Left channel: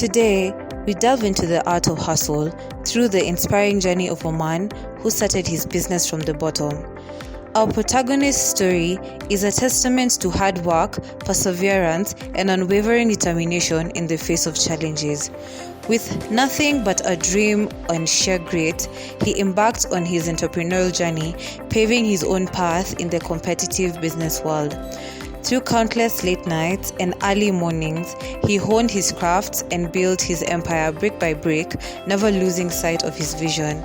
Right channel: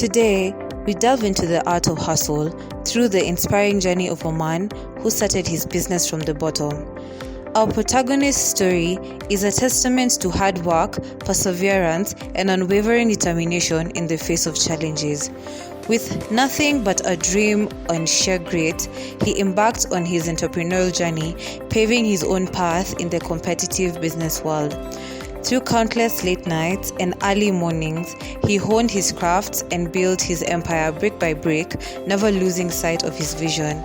Today, we delve into the art of hustle through the inspiring journey of a man who started his business from the bottom. Our protagonist's story is a testament to hard work, perseverance, and unwavering determination in the face of challenges. With nothing but a dream and sheer grit, he embarked on his entrepreneurial journey, paving his own path in the competitive business world. Through countless late nights and early mornings, he honed his craft and built his empire brick by brick, never losing sight of his vision.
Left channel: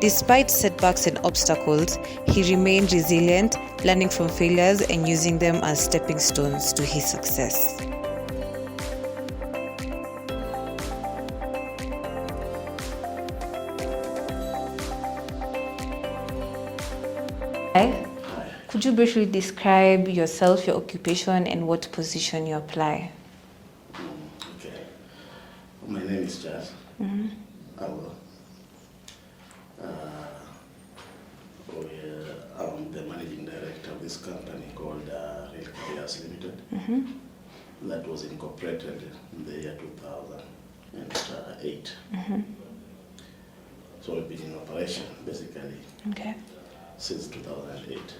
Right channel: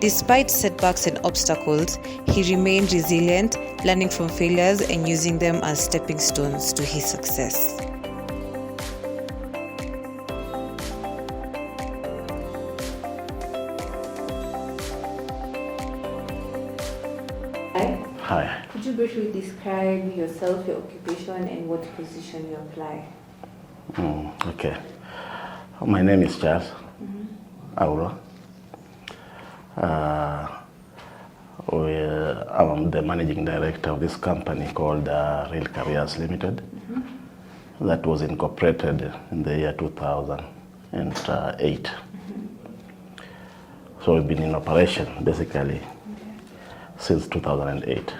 Despite setbacks and obstacles, he remained resilient, learning from failures and using them as stepping stones to his success. Hi. Could you briefly describe yourself, your occupation, and what position you apply? Okay. My name is Charles Auro. I'm the managing director of this company called Real Careers Limited. That was incorporated in the year 2008. So we've been in operation basically since 2008.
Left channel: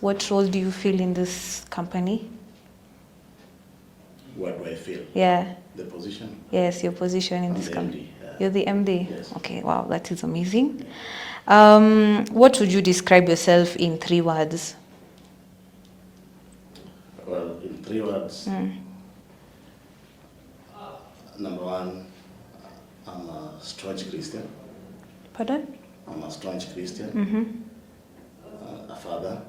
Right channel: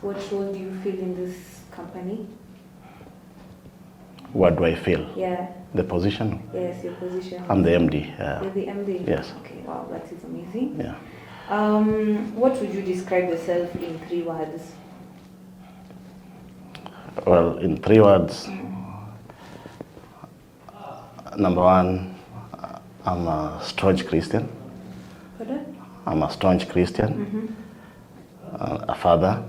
What role do you fill in this company? What do I feel? Yeah. The position? Yes, your position. I'm the MD. You're the MD? Yes. Okay, wow, that is amazing. Yeah. What would you describe yourself in 3 words? Well, in 3 words, number 1, I'm a staunch Christian. Pardon? I'm a staunch Christian, a father,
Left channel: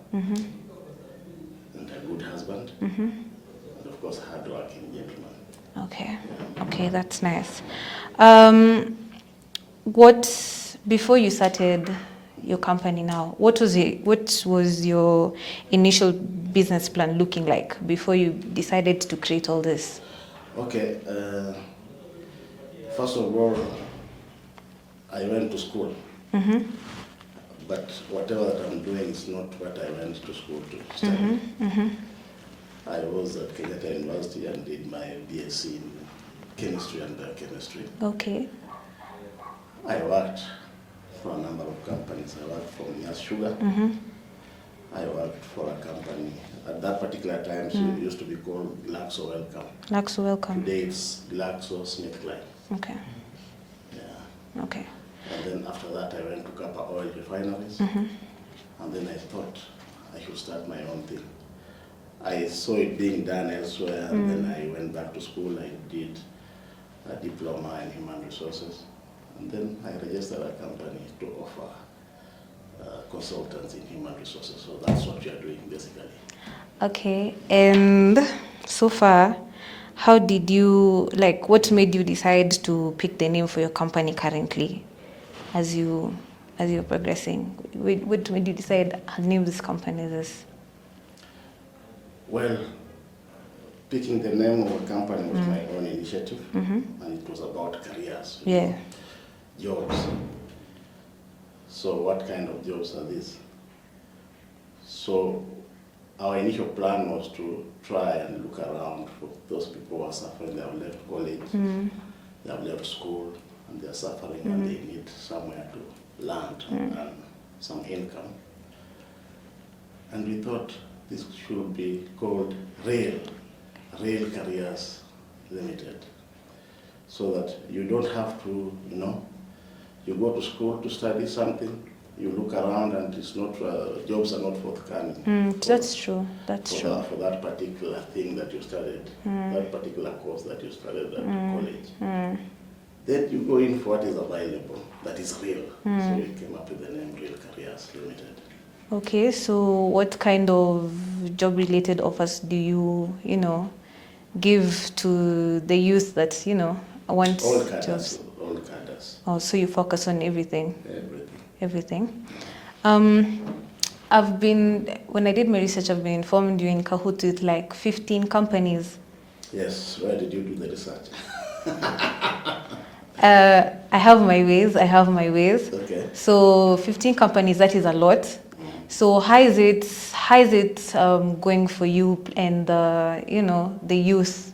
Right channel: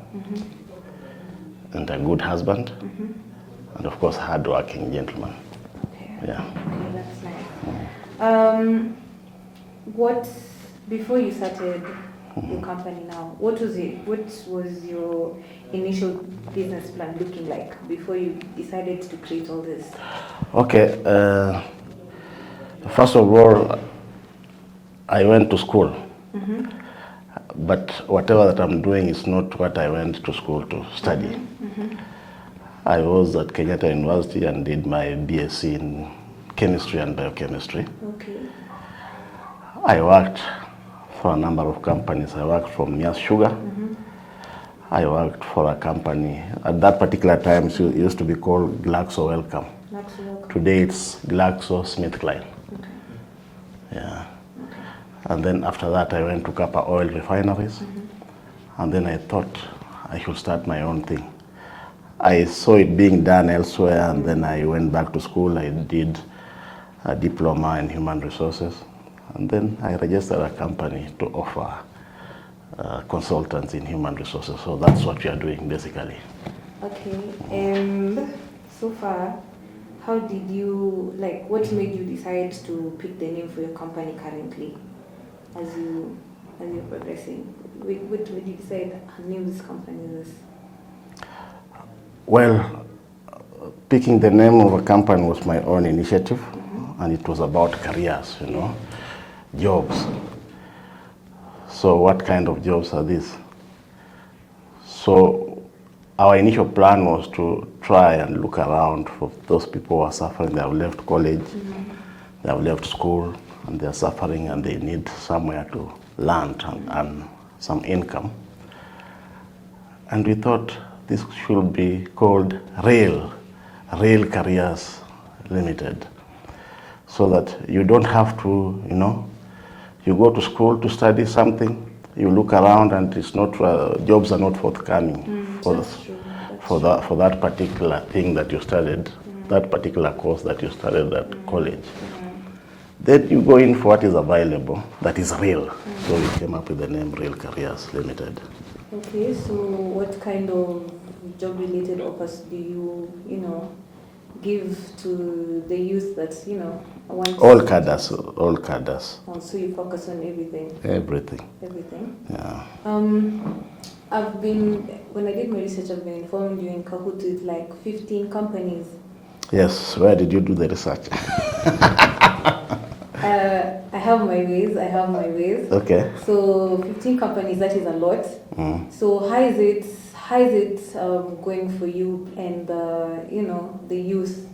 and a good husband, and of course, hard-working gentleman. Okay. Yeah. Okay, that's nice. Before you started your company now, what was your initial business plan looking like before you decided to create all this? Okay. First of all, I went to school. But whatever that I'm doing is not what I went to school to study. I was at Kenyatta University and did my BSc in chemistry and biochemistry. Okay. I worked for a number of companies. I worked for Mias Sugar. I worked for a company, at that particular time, it used to be called Glaxo Wellcome. Glaxo Wellcome. Today it's GlaxoSmithKline. Okay. Yeah. Okay. And then after that, I went to Kappa Oil Refineries. And then I thought I should start my own thing. I saw it being done elsewhere, and then I went back to school. I did a diploma in human resources. And then I registered a company to offer consultants in human resources. So that's what we are doing, basically. Okay. And so far, what made you decide to pick the name for your company currently as you're progressing? What made you decide to name this company this? Well, picking the name of a company was my own initiative, and it was about careers, you know, jobs. So what kind of jobs are these? So our initial plan was to try and look around for those people who are suffering. They have left college, they have left school, and they are suffering, and they need somewhere to land and some income. And we thought this should be called Real Careers Limited, so that you don't have to, you go to school to study something, you look around and it's not, jobs are not forthcoming. That's true. For that particular thing that you studied, that particular course that you studied at college. Then you go in for what is available, that is real. So we came up with the name Real Careers Limited. Okay, so what kind of job-related offers do you, give to the youth that, want All cadres. Oh, so you focus on everything? Everything. Everything? Yeah. When I did my research, I've been informed you're in cahoots with like 15 companies. Yes, where did you do the research? I have my ways. Okay. So 15 companies, that is a lot. So how is it going for you and the youth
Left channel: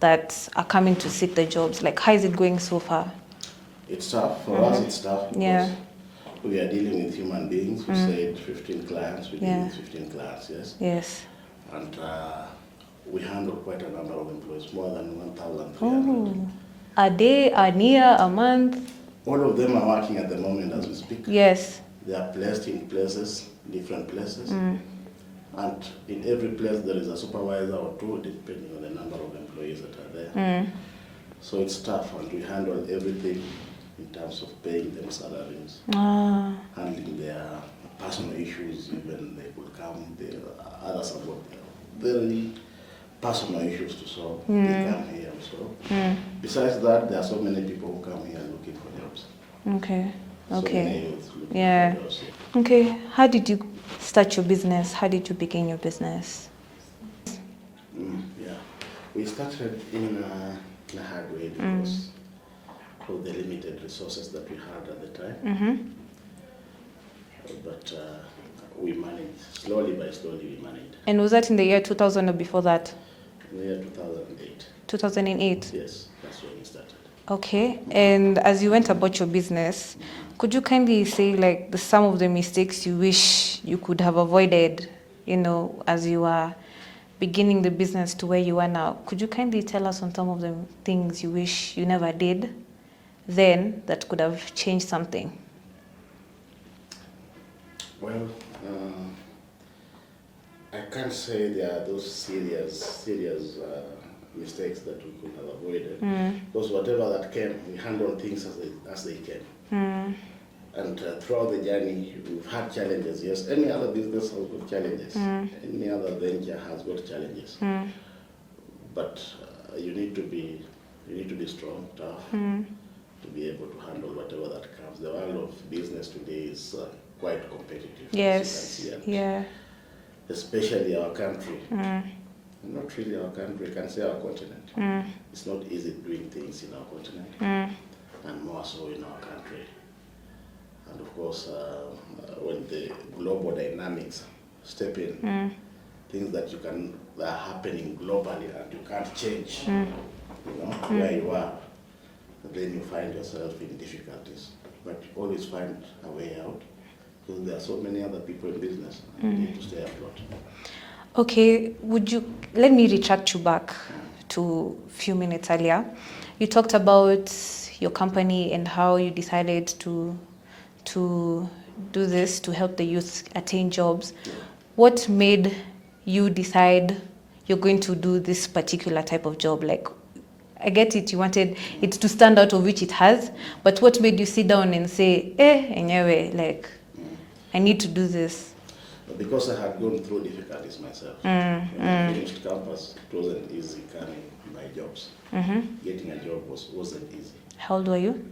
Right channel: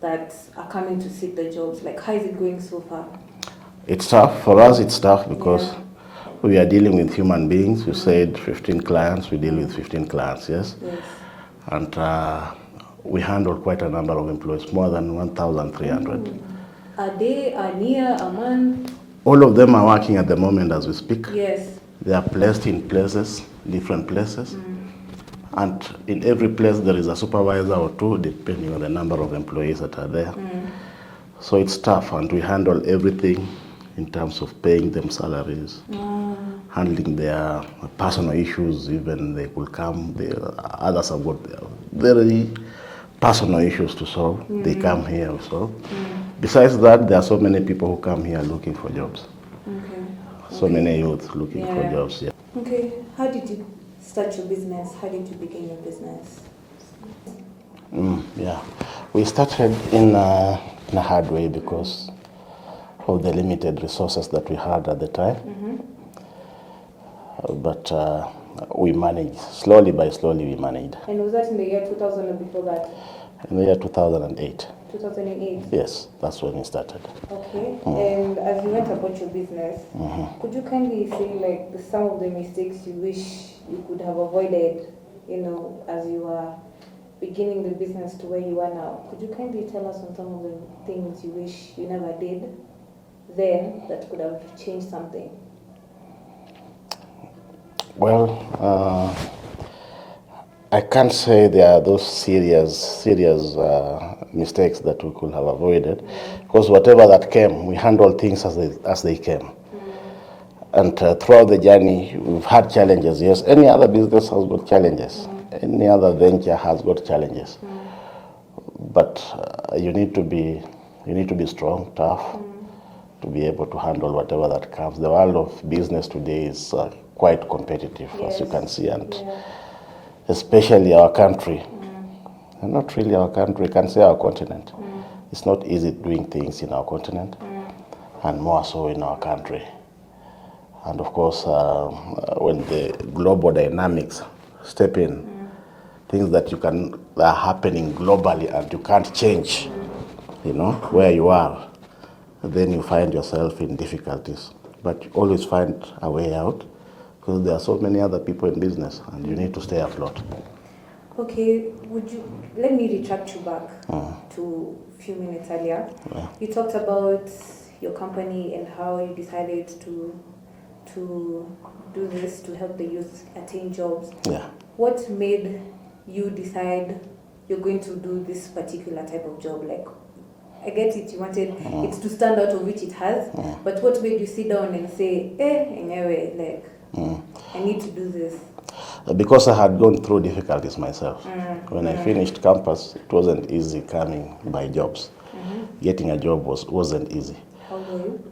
that are coming to seek the jobs? Like, how is it going so far? It's tough. For us, it's tough because Yeah. we are dealing with human beings. We said 15 clients. We deal with 15 clients, yes? Yes. And we handle quite a number of employees, more than 1,300. A day, a year, a month? All of them are working at the moment as we speak. Yes. They are placed in places, different places. And in every place there is a supervisor or two, depending on the number of employees that are there. So it's tough, and we handle everything in terms of paying them salaries, handling their personal issues. Even they will come, others have got very personal issues to solve. They come here also. Besides that, there are so many people who come here looking for jobs. Okay. So many youths looking for jobs. Yeah. Okay. How did you start your business? How did you begin your business? Yeah, we started in a hard way because of the limited resources that we had at the time. But we managed, slowly by slowly we managed. And was that in the year 2000 or before that? In the year 2008. 2008? Yes, that's when we started. Okay. And as you went about your business, could you kindly say like some of the mistakes you wish you could have avoided, as you are beginning the business to where you are now? Could you kindly tell us on some of the things you wish you never did then that could have changed something? Well, I can't say there are those serious mistakes that we could have avoided, because whatever that came, we handled things as they came. And throughout the journey, we've had challenges. Yes, any other business has got challenges. Any other venture has got challenges. But you need to be strong, tough, to be able to handle whatever that comes. The world of business today is quite competitive, as you can see, and especially our country. And not really our country, we can say our continent. It's not easy doing things in our continent, and more so in our country. And of course, when the global dynamics step in, things that are happening globally and you can't change, where you are, then you find yourself in difficulties. But you always find a way out, because there are so many other people in business, and you need to stay afloat. Okay, let me retract you back to a few minutes earlier. You talked about your company and how you decided to do this to help the youth attain jobs. Yeah. What made you decide you're going to do this particular type of job? Like, I get it, you wanted it to stand out, of which it has, but what made you sit down and say, anyway, like, I need to do this? Because I had gone through difficulties myself. When I finished campus, it wasn't easy coming by jobs. Getting a job wasn't easy. How old were you?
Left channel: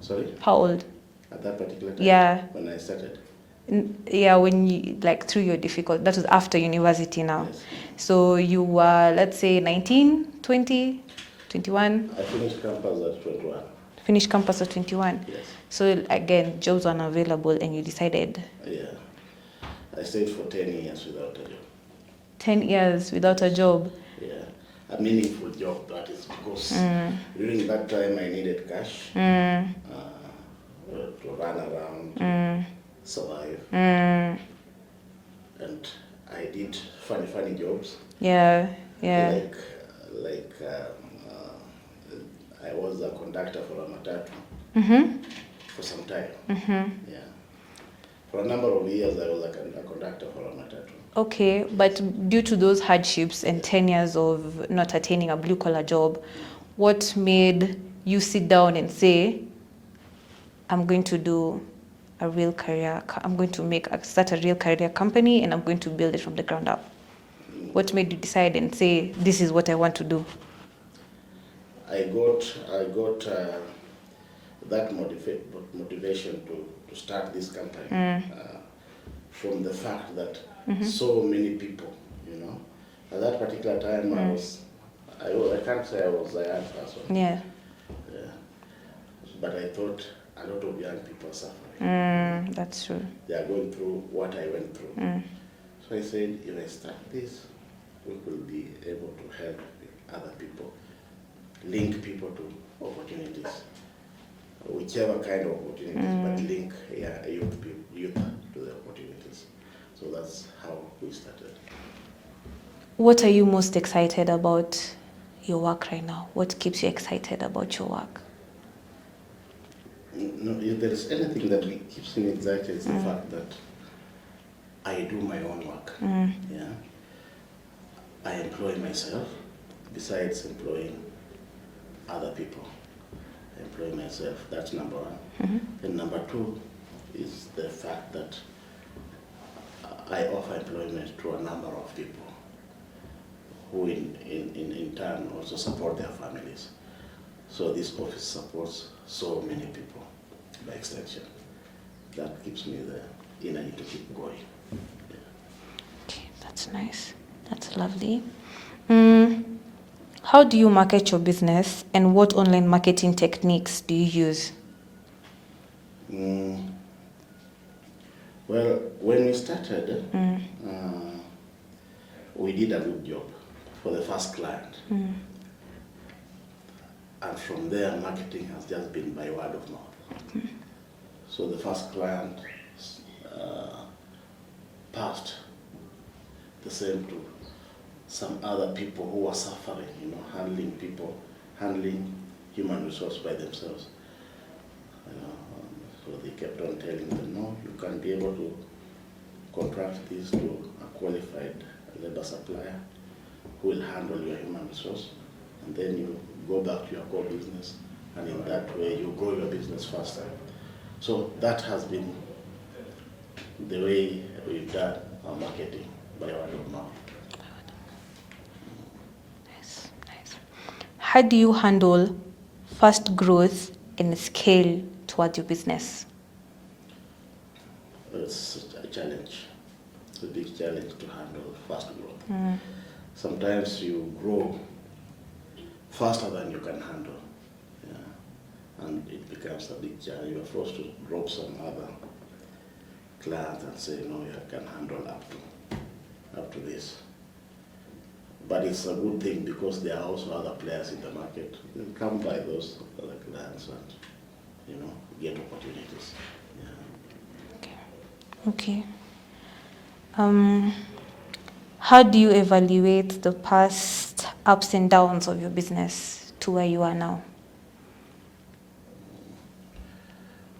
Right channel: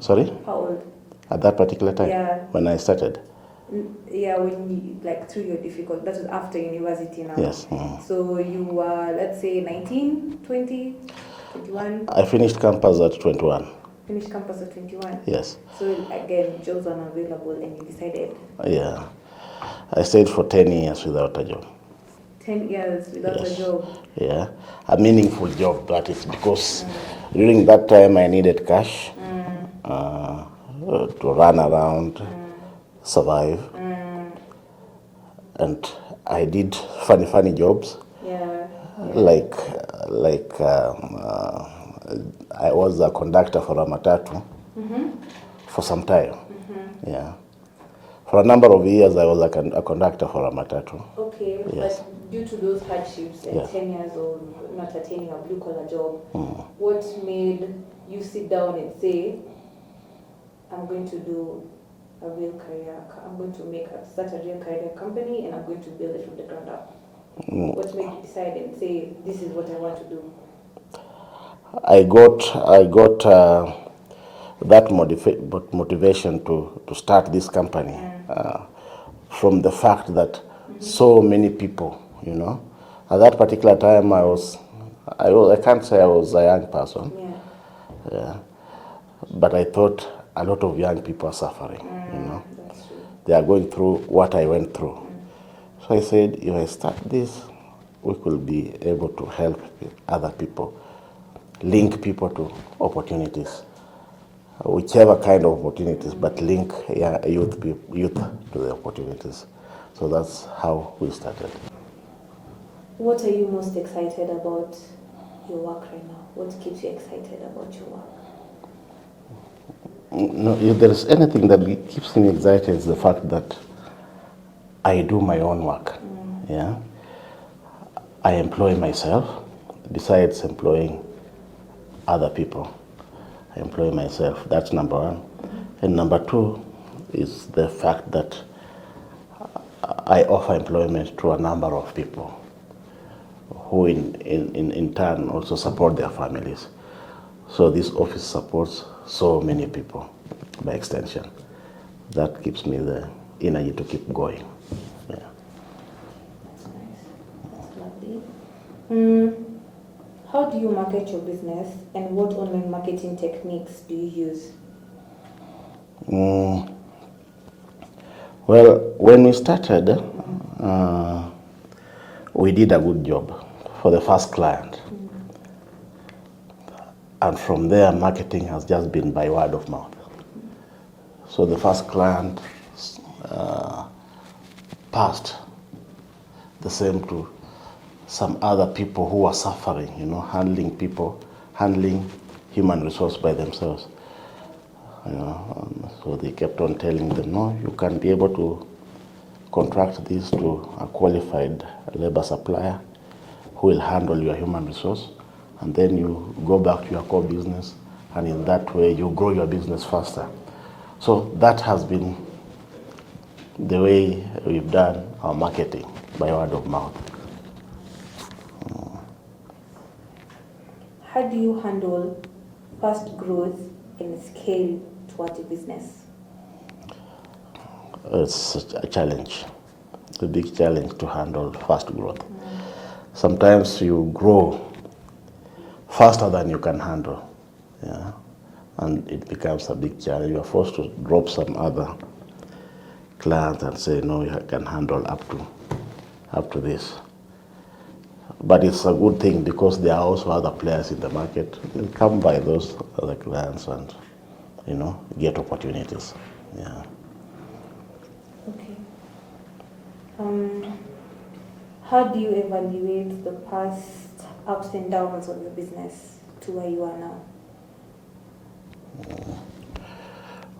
Sorry? How old? At that particular time? Yeah. When I started? Yeah, when you, like, through your difficult, that was after university now. Yes. So you were, let's say, 19, 20, 21? I finished campus at 21. Finished campus at 21? Yes. So again, jobs were unavailable and you decided? Yeah. I stayed for 10 years without a job. 10 years without a job? Yeah. A meaningful job, that is, because during that time I needed cash to run around, survive. And I did funny jobs. Yeah. Like I was a conductor for a matatu for some time. Yeah. For a number of years, I was a conductor for a matatu. Okay, Yes. but due to those hardships and 10 years of not attaining a blue-collar job, what made you sit down and say, I'm going to do a real career, I'm going to start a real career company and I'm going to build it from the ground up? What made you decide and say, this is what I want to do? I got that motivation to start this company from the fact that so many people, at that particular time I can't say I was a young person. Yeah. Yeah. But I thought a lot of young people are suffering. That's true. They are going through what I went through. So I said, if I start this, we could be able to help other people, link people to opportunities, whichever kind of opportunities, but link youth to the opportunities. So that's how we started. What are you most excited about your work right now? What keeps you excited about your work? No, if there is anything that keeps me excited, it's the fact that I do my own work. Yeah, I employ myself besides employing other people. I employ myself. That's number one. And number two is the fact that I offer employment to a number of people who in turn also support their families. So this office supports so many people by extension. That gives me the energy to keep going. Yeah. Okay, that's nice. That's lovely. How do you market your business, and what online marketing techniques do you use? Well, when we started, we did a good job for the first client. And from there, marketing has just been by word of mouth. So the first client passed the same to some other people who are suffering, handling people, handling human resource by themselves. So they kept on telling them, no, you can be able to contract this to a qualified labor supplier who will handle your human resource, and then you go back to your core business, and in that way you grow your business faster. So that has been the way we've done our marketing, by word of mouth. Nice. How do you handle fast growth and scale towards your business? It's a challenge. It's a big challenge to handle fast growth. Sometimes you grow faster than you can handle, and it becomes a big challenge. You are forced to drop some other clients and say, no, you can handle up to this. But it's a good thing because there are also other players in the market. You come by those other clients and, get opportunities. Yeah. Okay. How do you evaluate the past ups and downs of your business to where you are now?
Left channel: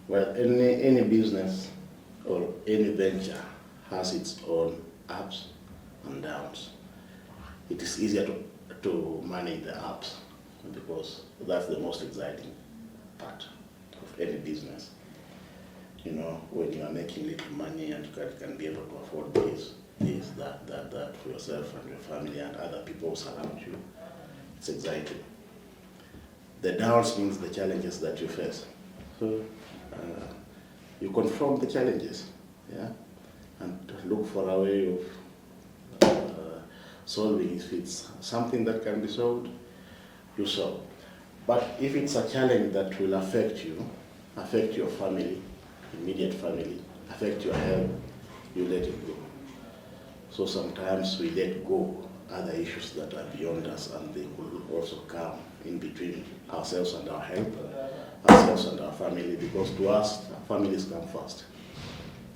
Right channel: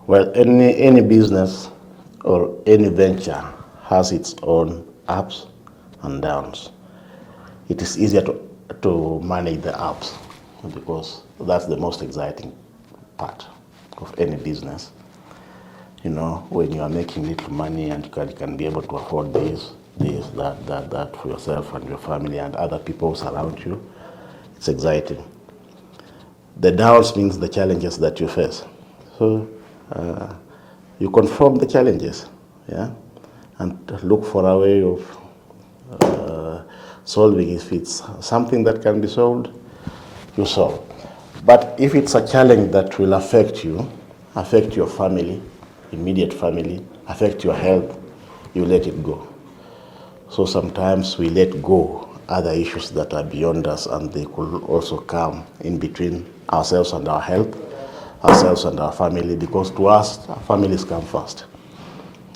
Well, any business or any venture has its own ups and downs. It is easier to manage the ups because that's the most exciting part of any business. When you are making little money and you can be able to afford this, that for yourself and your family and other people surround you, it's exciting. The downs means the challenges that you face. So you confront the challenges, and look for a way of solving. If it's something that can be solved, you solve. But if it's a challenge that will affect you, affect your family, immediate family, affect your health, you let it go. So sometimes we let go other issues that are beyond us, and they could also come in between ourselves and our health, ourselves and our family, because to us, our families come first.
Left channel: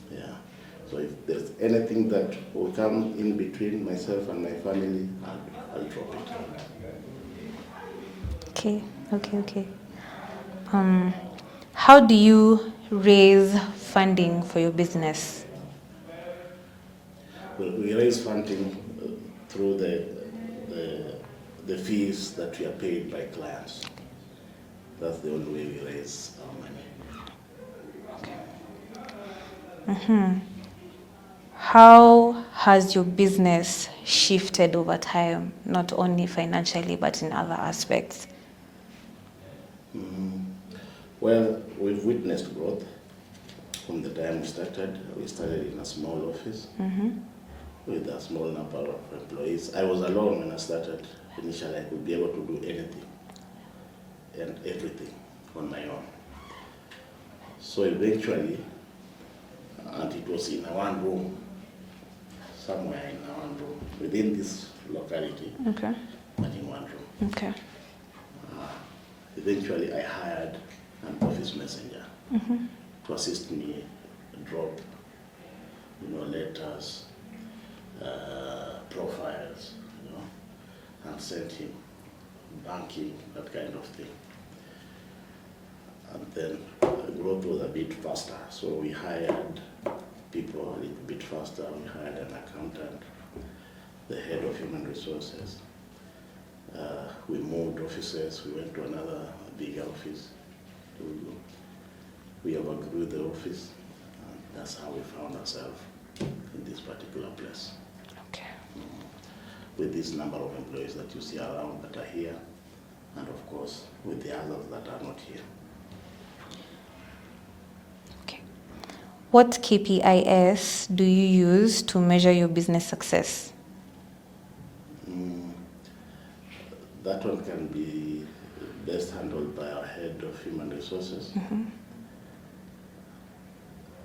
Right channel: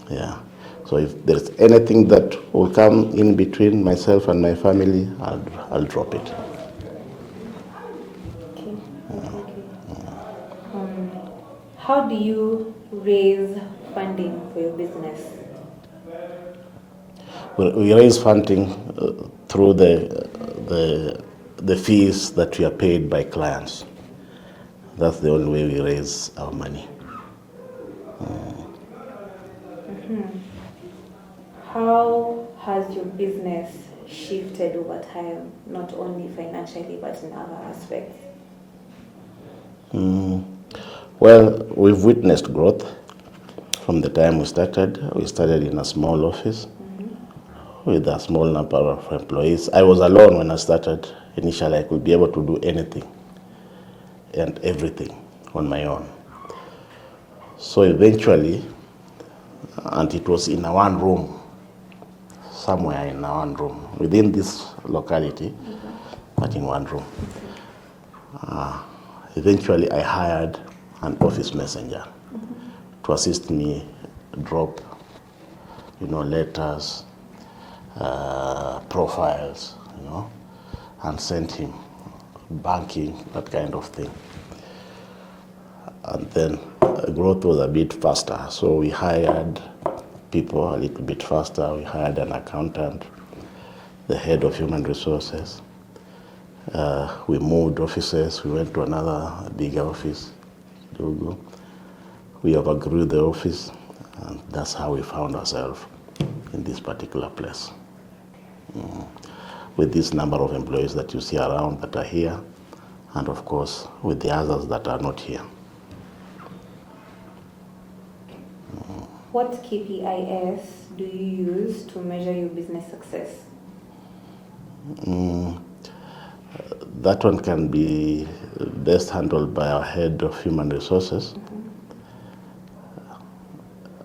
Yeah. So if there's anything that will come in between myself and my family, I'll drop it. Okay. How do you raise funding for your business? We raise funding through the fees that we are paid by clients. That's the only way we raise our money. How has your business shifted over time, not only financially but in other aspects? Well, we've witnessed growth from the time we started. We started in a small office with a small number of employees. I was alone when I started. Initially, I could be able to do anything and everything on my own. So eventually, and it was in a one room somewhere in one room, within this locality, Okay. but in one room. Okay. Eventually, I hired an office messenger to assist me drop, letters, profiles, and sent him banking, that kind of thing. And then growth was a bit faster, so we hired people a little bit faster. We hired an accountant, the head of human resources. We moved offices. We went to another bigger office, Dogo. We overgrew the office, and that's how we found ourselves in this particular place. Okay. With this number of employees that you see around that are here, and of course with the others that are not here. Okay. What KPIs do you use to measure your business success? That one can be best handled by our head of human resources.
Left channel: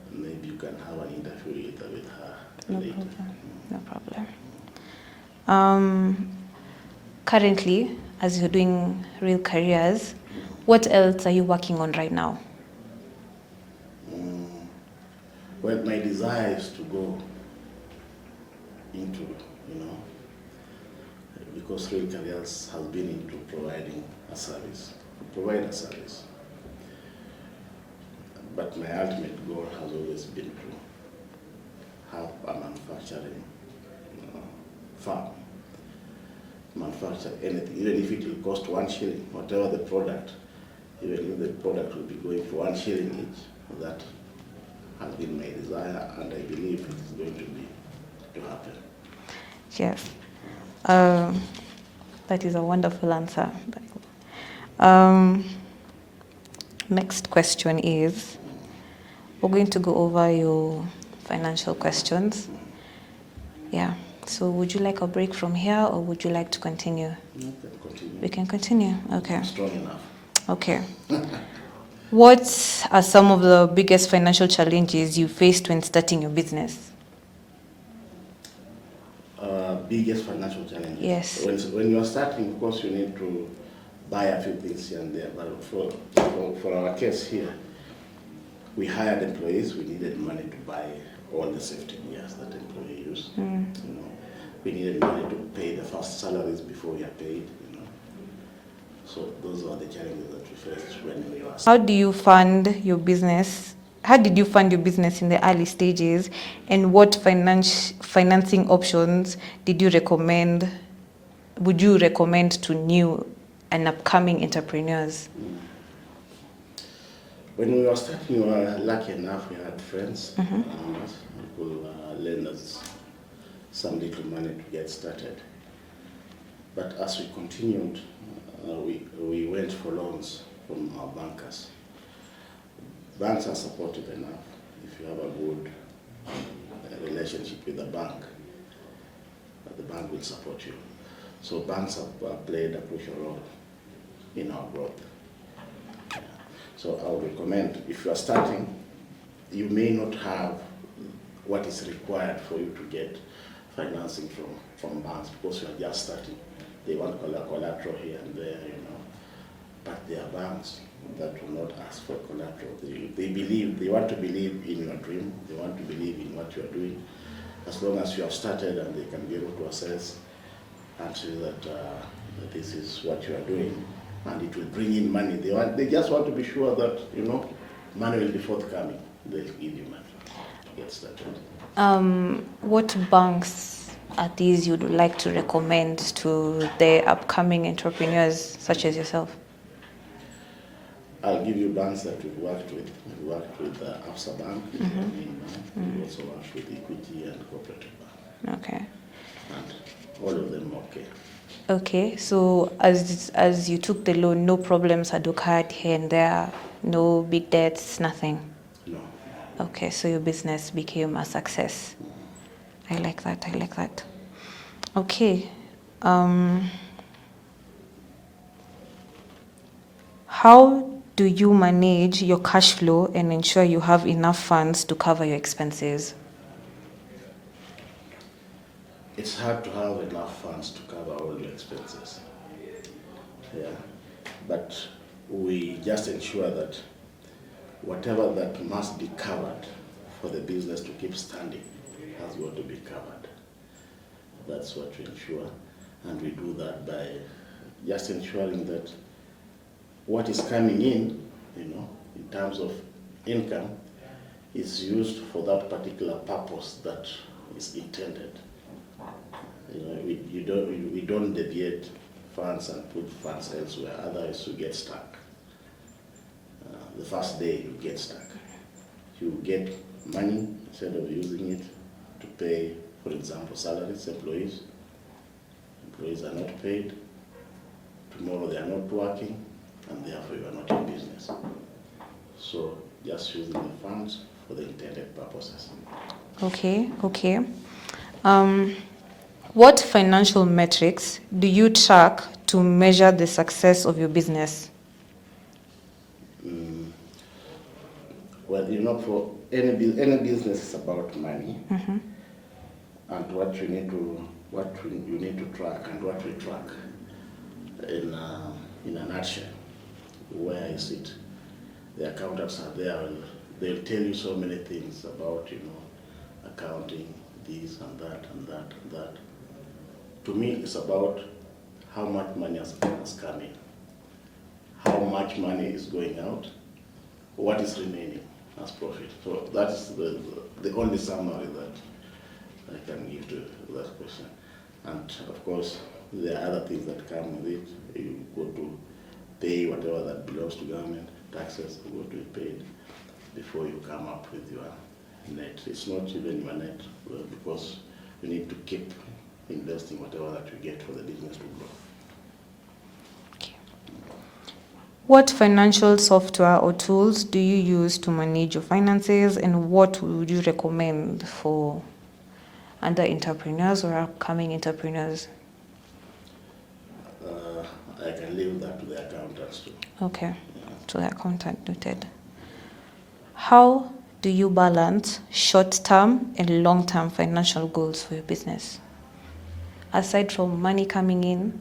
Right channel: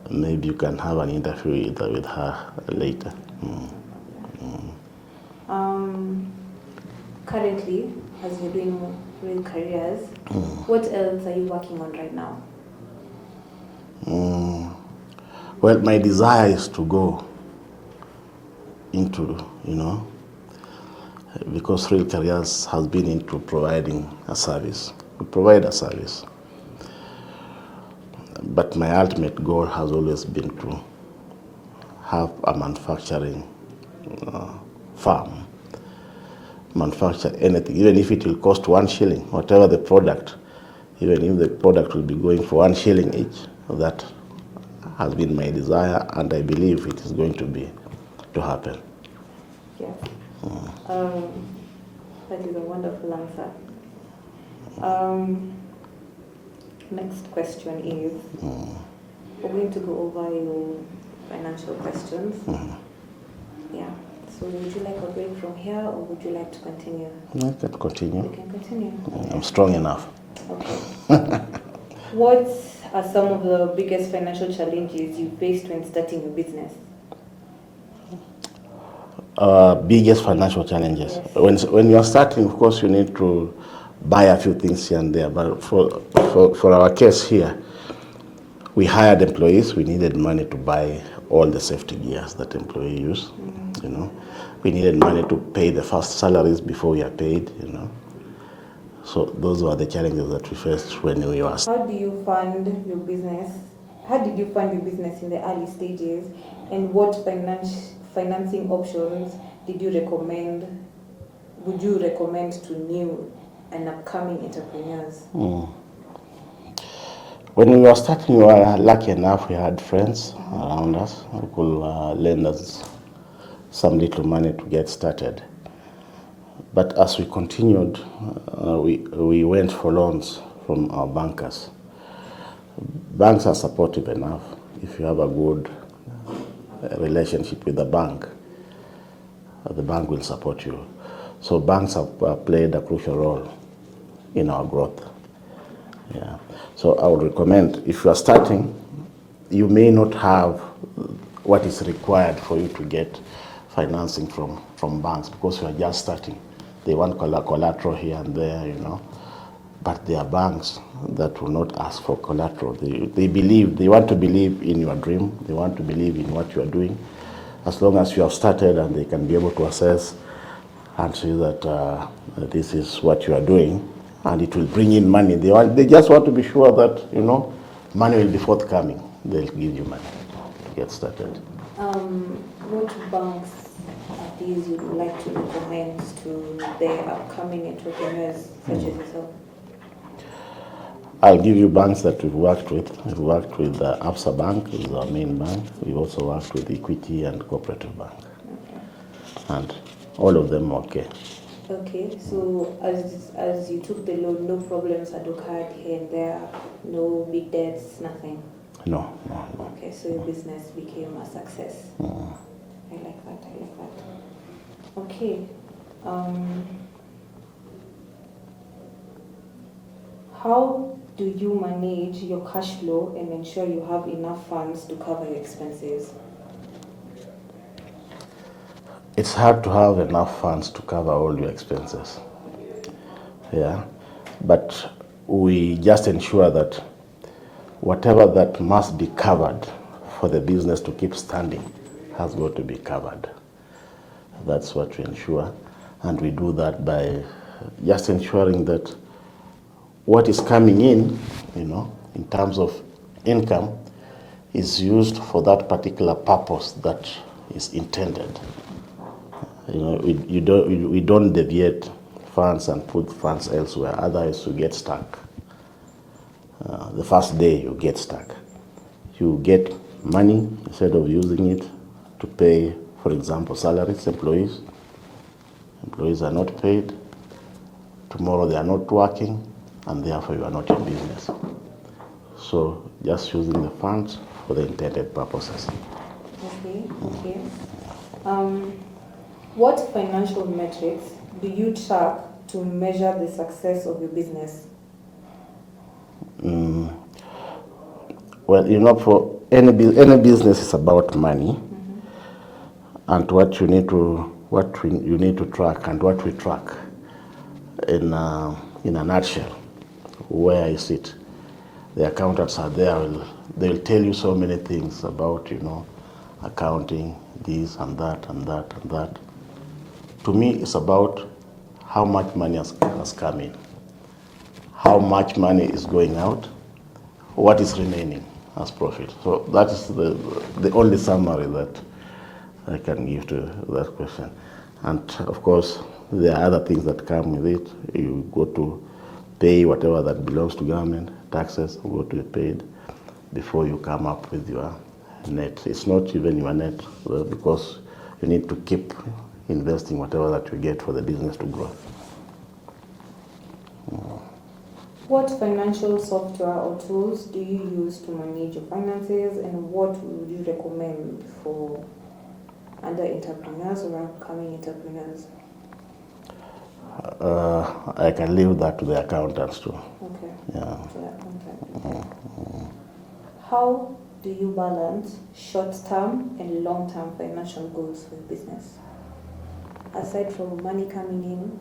Maybe you can have an interview with her later. No problem. Currently, as you're doing Real Careers, what else are you working on right now? Well, my desire is to go into, because Real Careers has been into providing a service. We provide a service. But my ultimate goal has always been to have a manufacturing farm, manufacture anything, even if it will cost 1 shilling, whatever the product, even if the product will be going for 1 shilling each. That has been my desire, and I believe it is going to happen. Yes. That is a wonderful answer. Next question is, we're going to go over your financial questions. Yeah. So would you like a break from here, or would you like to continue? I can continue. We can continue. Okay. I'm strong enough. Okay. What are some of the biggest financial challenges you faced when starting your business? Biggest financial challenges. Yes. When you are starting, of course, you need to buy a few things here and there. But for our case here, we hired employees. We needed money to buy all the safety gears that employees use. We needed money to pay the first salaries before we are paid. So those were the challenges that we faced when we were. How do you fund your business? How did you fund your business in the early stages, and what financing options did you recommend? Would you recommend to new and upcoming entrepreneurs? When we were starting, we were lucky enough. We had friends around us who could lend us some little money to get started. But as we continued, we went for loans from our bankers. Banks are supportive enough if you have a good relationship with the bank will support you. So banks have played a crucial role in our growth. Yeah. So I would recommend, if you are starting, you may not have what is required for you to get financing from banks, because you are just starting. They want collateral here and there, but there are banks that will not ask for collateral. They want to believe in your dream. They want to believe in what you are doing. As long as you have started, and they can be able to assess and see that this is what you are doing, and it will bring in money. They just want to be sure that, money will be forthcoming. They'll give you money to get started. What banks are these you'd like to recommend to the upcoming entrepreneurs such as yourself? I'll give you banks that we've worked with. We've worked with Absa Bank, which is our main bank. We've also worked with Equity and Cooperative Bank. Okay. And all of them okay. Okay, so as you took the loan, no problems had occurred here and there, no big debts, nothing? No. Okay, so your business became a success. I like that. Okay. How do you manage your cash flow and ensure you have enough funds to cover your expenses? it's hard to have enough funds to cover all your expenses. Yeah, but we just ensure that whatever that must be covered for the business to keep standing has got to be covered. That's what we ensure, and we do that by just ensuring that what is coming in, in terms of income, is used for that particular purpose that is intended. We don't deviate funds and put funds elsewhere, otherwise you get stuck. The first day you get stuck. You get money, instead of using it to pay, for example, salaries, employees. Employees are not paid. Tomorrow they are not working, and therefore you are not in business. So just using the funds for the intended purposes. Okay. What financial metrics do you track to measure the success of your business? Well, for any business is about money, and what you need to track, and what we track in a nutshell. Where is it? The accountants are there. They'll tell you so many things about accounting, this and that and that and that. To me, it's about how much money has come in, how much money is going out, what is remaining as profit. So that is the only summary that I can give to that question. And of course, there are other things that come with it. You go to pay whatever that belongs to government, taxes go to be paid before you come up with your net. It's not even your net, because you need to keep investing whatever that you get for the business to grow. Okay. What financial software or tools do you use to manage your finances, and what would you recommend for other entrepreneurs or upcoming entrepreneurs? I can leave that to the accountants too. Okay. Yeah. To the accountant, noted. How do you balance short-term and long-term financial goals for your business? Aside from money coming in,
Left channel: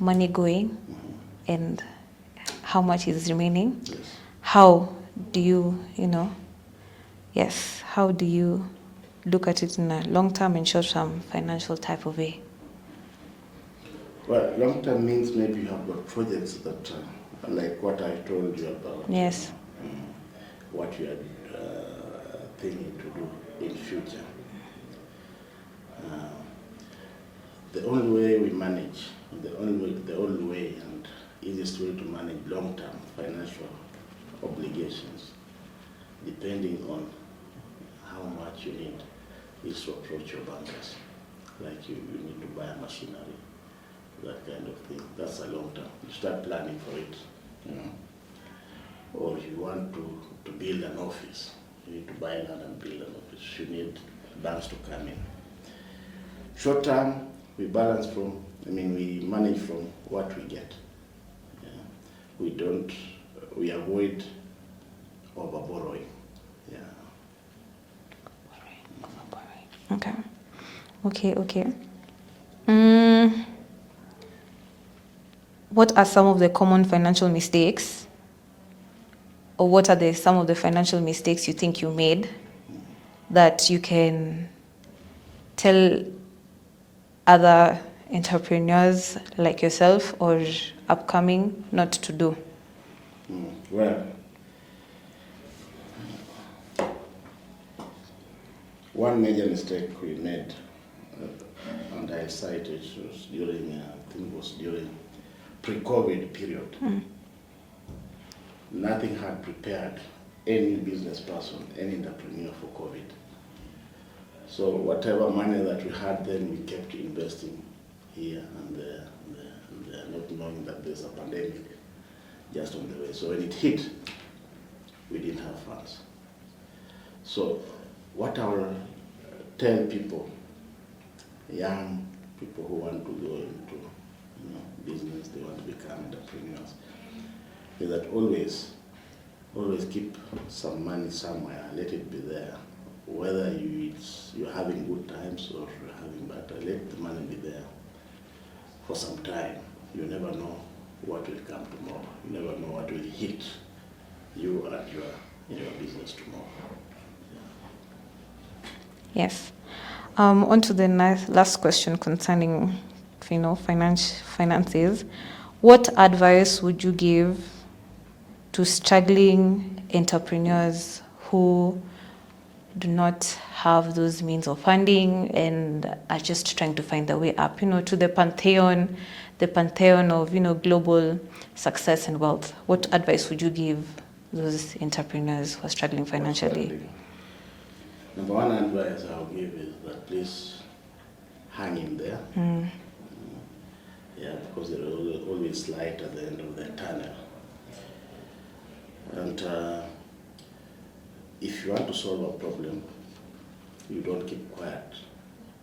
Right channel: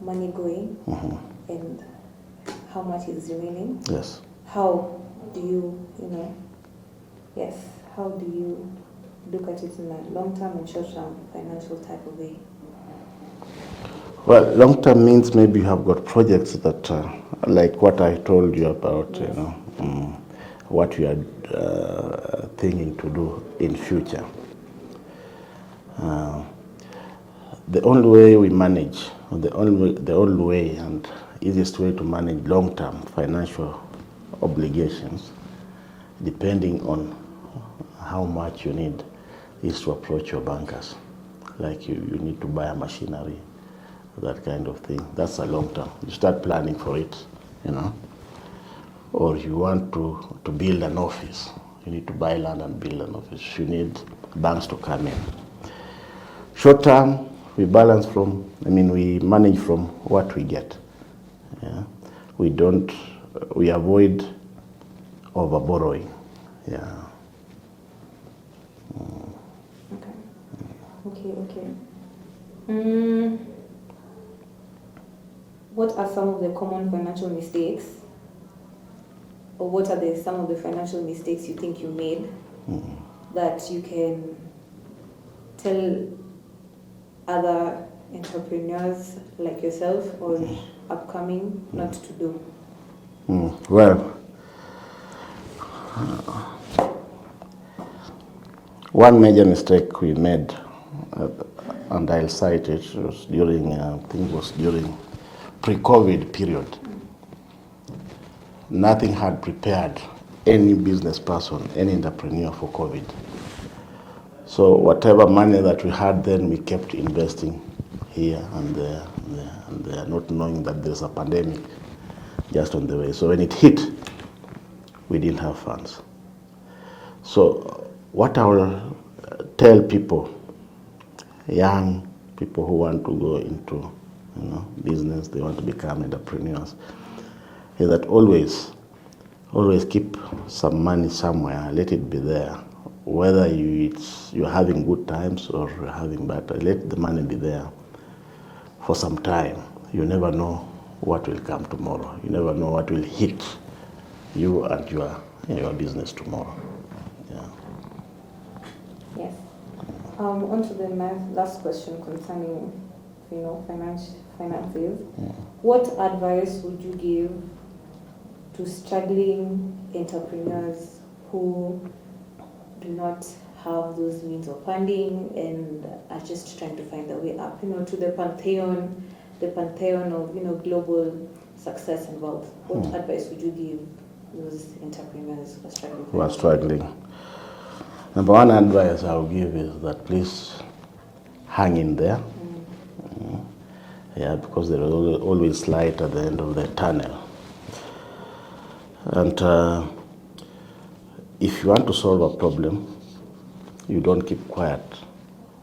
money going, and how much is remaining? Yes. How do you, how do you look at it in a long-term and short-term financial type of way? Well, long-term means maybe you have got projects that, like what I told you about, Yes. What you are thinking to do in future. The only way we manage, the only way and easiest way to manage long-term financial obligations, depending on how much you need, is to approach your bankers. Like you need to buy a machinery, that kind of thing. That's a long term. You start planning for it, Or you want to build an office. You need to buy land and build an office. You need banks to come in. Short term, we manage from what we get. Yeah? We avoid over borrowing. Yeah. Okay. What are some of the common financial mistakes, or what are some of the financial mistakes you think you made that you can tell other entrepreneurs like yourself or upcoming not to do? Well, one major mistake we made, and I'll cite it, was during pre-COVID period. Nothing had prepared any business person, any entrepreneur for COVID. So whatever money that we had then, we kept investing here and there, not knowing that there's a pandemic just on the way. So when it hit, we didn't have funds. So what I will tell people, young people who want to go into business, they want to become entrepreneurs, is that always keep some money somewhere, let it be there, whether you're having good times or you're having bad times, let the money be there for some time. You never know what will come tomorrow. You never know what will hit you and your business tomorrow. Yeah. Yes. On to the last question concerning, finances. What advice would you give to struggling entrepreneurs who do not have those means of funding and are just trying to find their way up, to the pantheon of, global success and wealth? What advice would you give those entrepreneurs who are struggling financially? Number one advice I will give is that please hang in there. Yeah, because there is always light at the end of the tunnel. And if you want to solve a problem, you don't keep quiet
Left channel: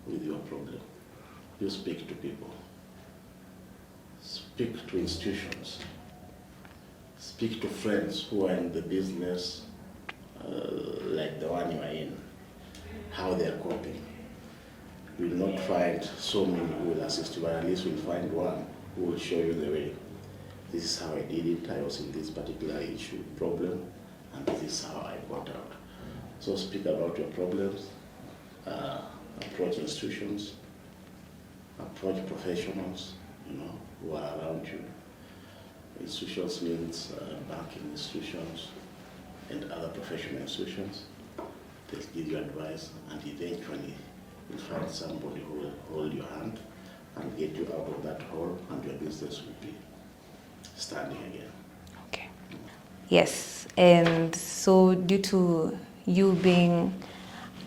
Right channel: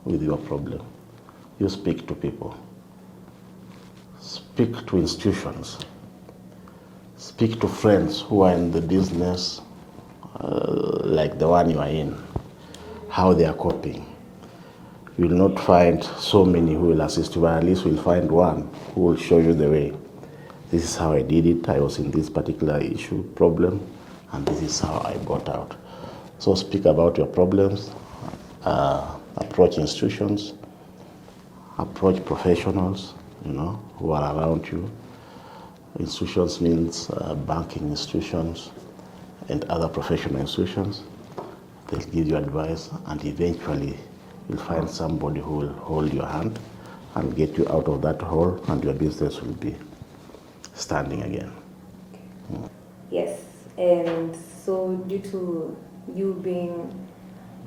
with your problem. You speak to people. Speak to institutions. Speak to friends who are in the business like the one you are in, how they are coping. You will not find so many who will assist you, but at least you'll find one who will show you the way. This is how I did it. I was in this particular problem, and this is how I got out. So speak about your problems, approach institutions, approach professionals, who are around you. Institutions means banking institutions and other professional institutions. They'll give you advice, and eventually you'll find somebody who will hold your hand and get you out of that hole, and your business will be standing again. Okay. Yes, and so due to you being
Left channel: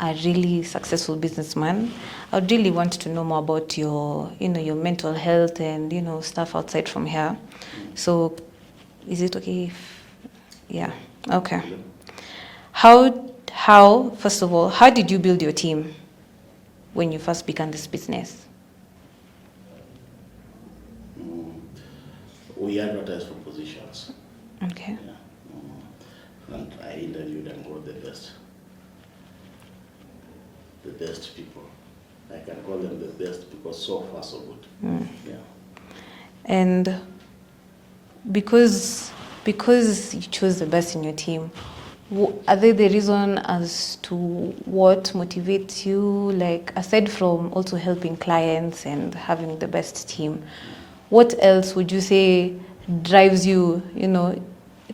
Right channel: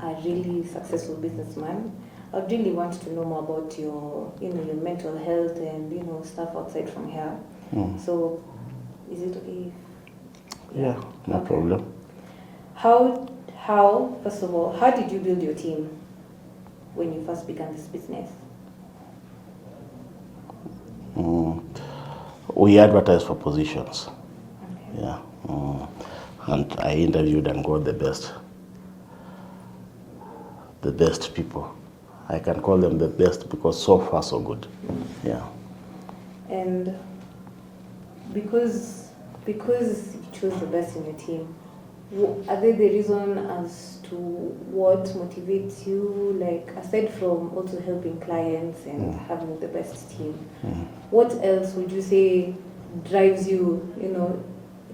a really successful businessman, I would really want to know more about your mental health and, stuff outside from here. So is it okay if, No okay. problem. How, first of all, how did you build your team when you first began this business? We advertised for positions. Okay. Yeah. And I interviewed and got the best people. I can call them the best because so far so good. Yeah. And because you chose the best in your team, are there the reason as to what motivates you, like aside from also helping clients and having the best team, what else would you say drives you,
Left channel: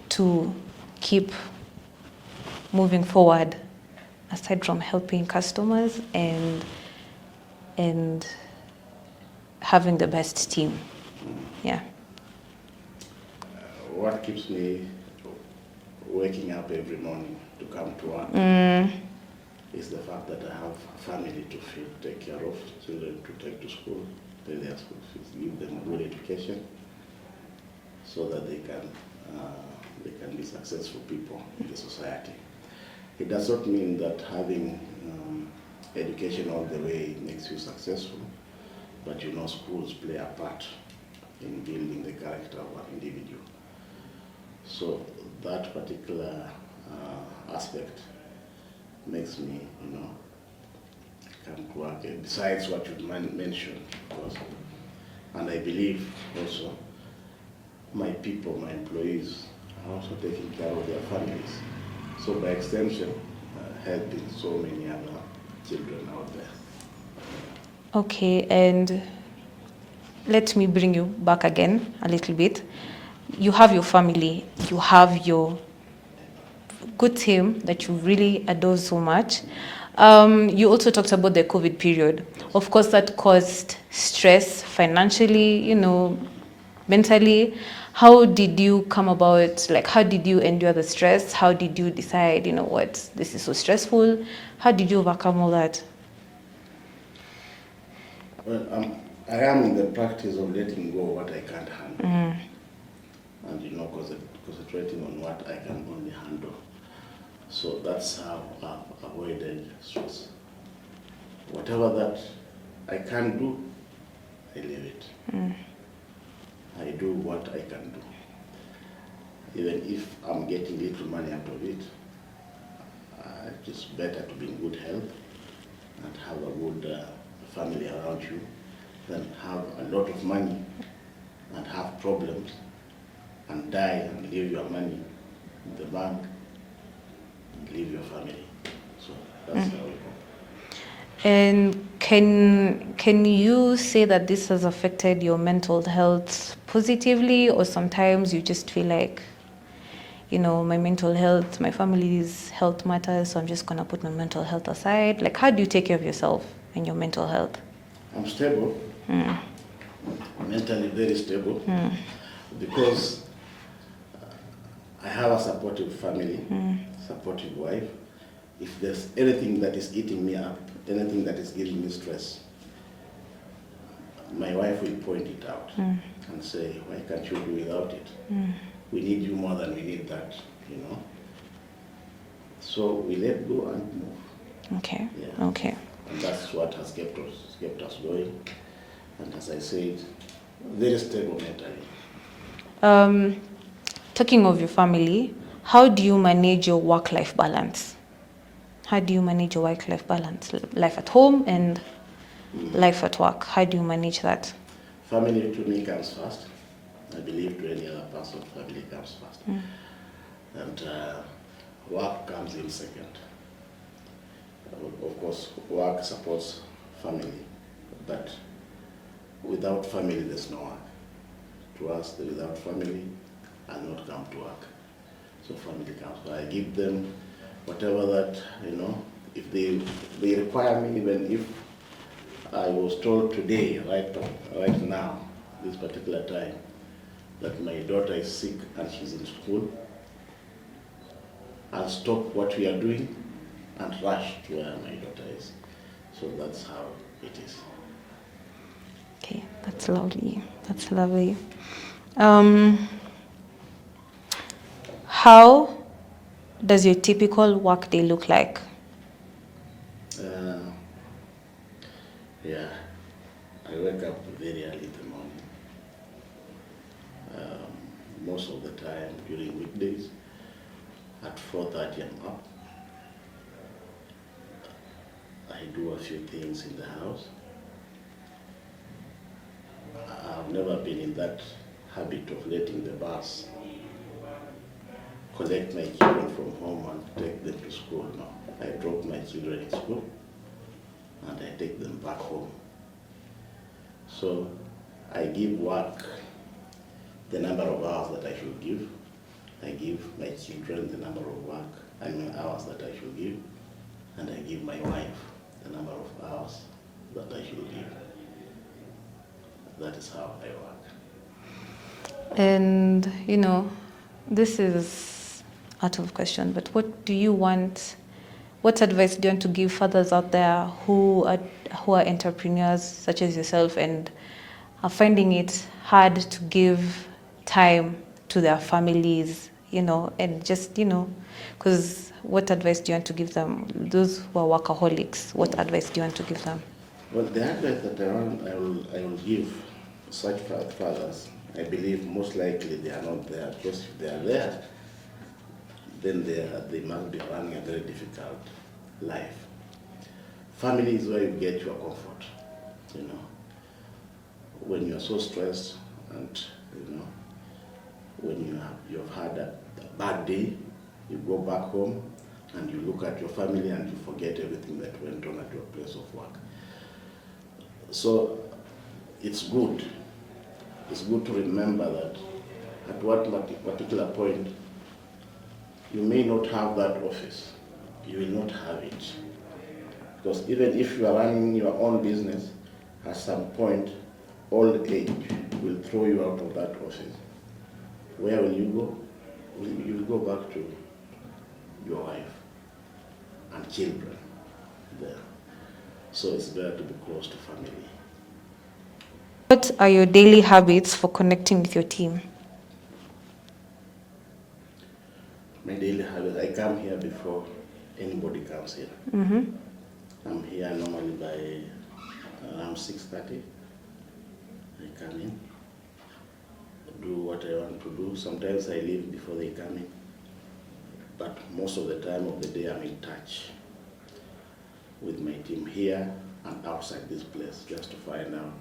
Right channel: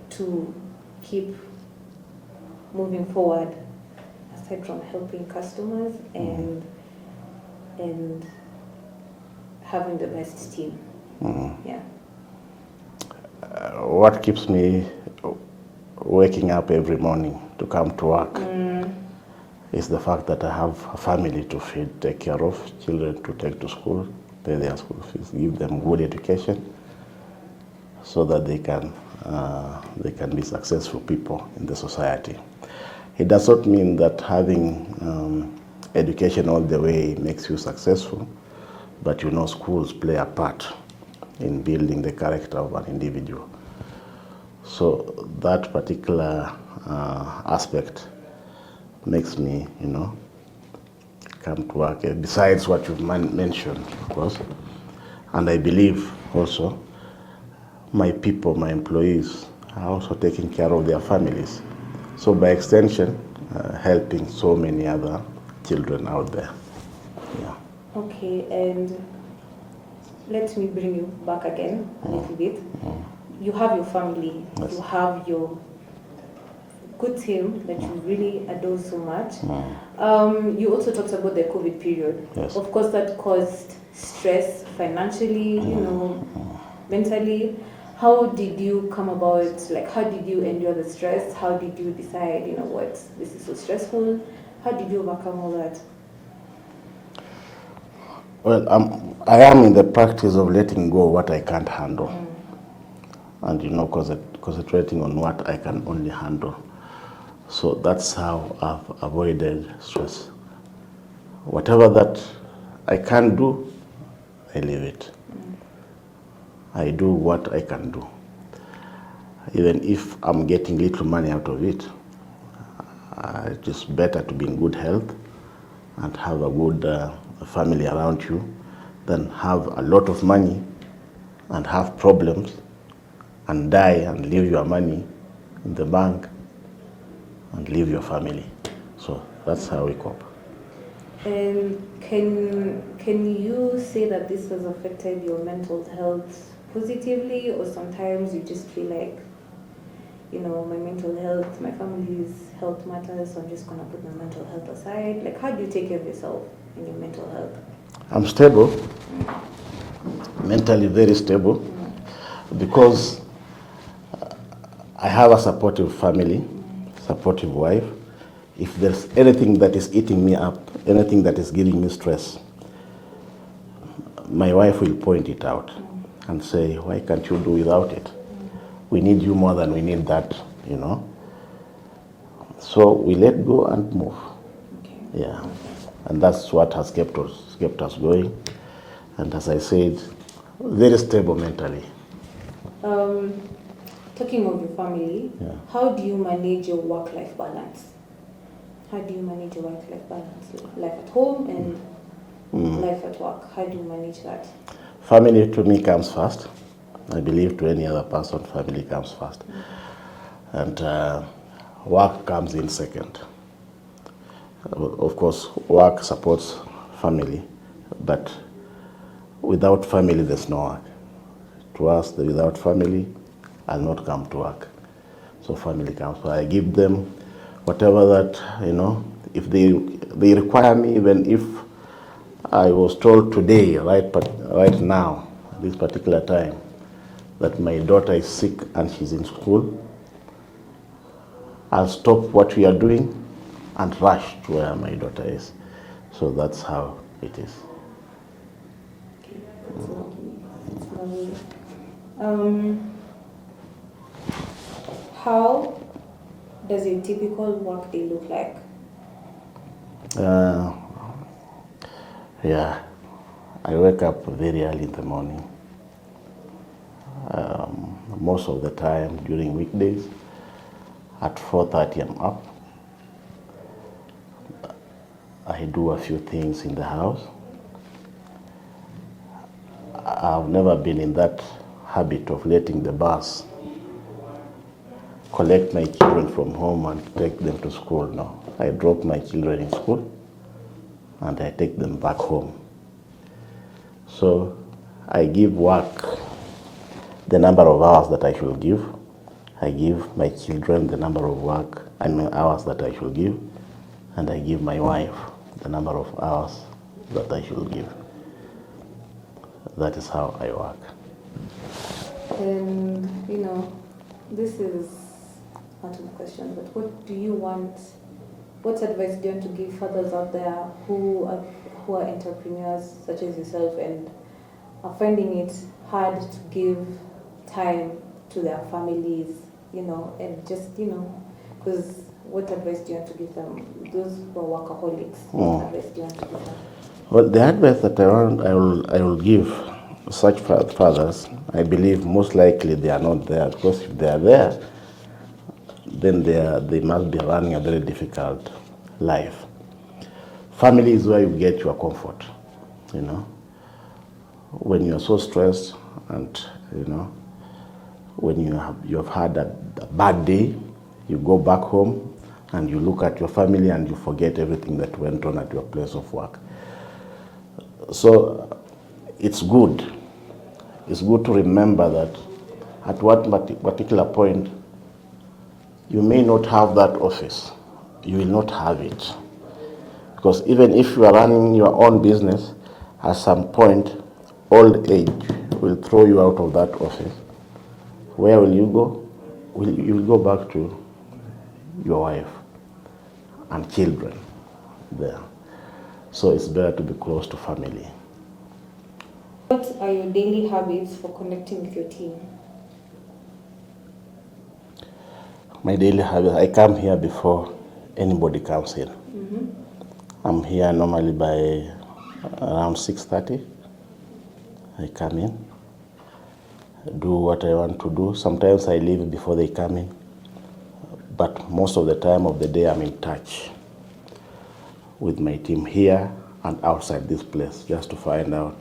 to keep moving forward aside from helping customers and having the best team? Yeah. What keeps me waking up every morning to come to work is the fact that I have a family to feed, take care of, children to take to school, pay their school fees, give them good education so that they can be successful people in the society. It does not mean that having education all the way makes you successful, but schools play a part in building the character of an individual. So that particular aspect makes me, come to work, besides what you've mentioned, of course. And I believe also my people, my employees, are also taking care of their families. So by extension, helping so many other children out there. Yeah. Okay, and let me bring you back again a little bit. You have your family, you have your good team that you really adore so much. You also talked about the COVID period. Yes. Of course, that caused stress financially, mentally. How did you come about, how did you endure the stress? How did you decide, this is so stressful? How did you overcome all that? Well, I am in the practice of letting go what I can't handle. And, concentrating on what I can only handle. So that's how I've avoided stress. Whatever that I can't do, I leave it. I do what I can do. Even if I'm getting little money out of it, It is better to be in good health and have a good family around you than have a lot of money and have problems and die and leave your money in the bank and leave your family. So that's how we cope. And can you say that this has affected your mental health positively, or sometimes you just feel like, my mental health, my family's health matters, so I'm just gonna put my mental health aside? Like, how do you take care of yourself and your mental health? I'm stable, mentally very stable, because I have a supportive family, supportive wife. If there's anything that is eating me up, anything that is giving me stress, my wife will point it out and say, why can't you do without it? We need you more than we need that, So we let go and move. Okay. Yeah. Okay. And that's what has kept us going. And as I said, very stable mentally. Talking of your family, how do you manage your work-life balance? How do you manage your work-life balance? Life at home and life at work. How do you manage that? Family to me comes first. I believe to any other person, family comes first. And work comes in second. Of course, work supports family, but without family, there's no work. To us, without family, I'll not come to work. So family comes. So I give them whatever that, if they require me, even if I was told today, right now, this particular time, that my daughter is sick and she's in school, I'll stop what we are doing and rush to where my daughter is. So that's how it is. Okay, that's lovely. That's lovely. How does your typical work day look like? Yeah, I wake up very early in the morning. Most of the time during weekdays, at 4:30 I'm up. I do a few things in the house. I've never been in that habit of letting the bus collect my children from home and take them to school. No, I drop my children in school and I take them back home. So I give work the number of hours that I should give. I give my children the number of hours that I should give, and I give my wife the number of hours that I should give. That is how I work. And, this is out of question, but what advice do you want to give fathers out there who are entrepreneurs such as yourself and are finding it hard to give time to their families, and just, because what advice do you want to give them? Those who are workaholics, what advice do you want to give them? Well, the advice that I will give such fathers, I believe most likely they are not there, because if they are there, then they must be running a very difficult life. Family is where you get your comfort, When you are so stressed and, when you have had a bad day, you go back home and you look at your family and you forget everything that went on at your place of work. So it's good. It's good to remember that at what particular point you may not have that office. You will not have it. Because even if you are running your own business, at some point, old age will throw you out of that office. Where will you go? You will go back to your wife and children there. So it's better to be close to family. What are your daily habits for connecting with your team? My daily habits, I come here before anybody comes in. I'm here normally by around 6:30. I come in, do what I want to do. Sometimes I leave before they come in. But most of the time of the day, I'm in touch with my team here and outside this place just to find out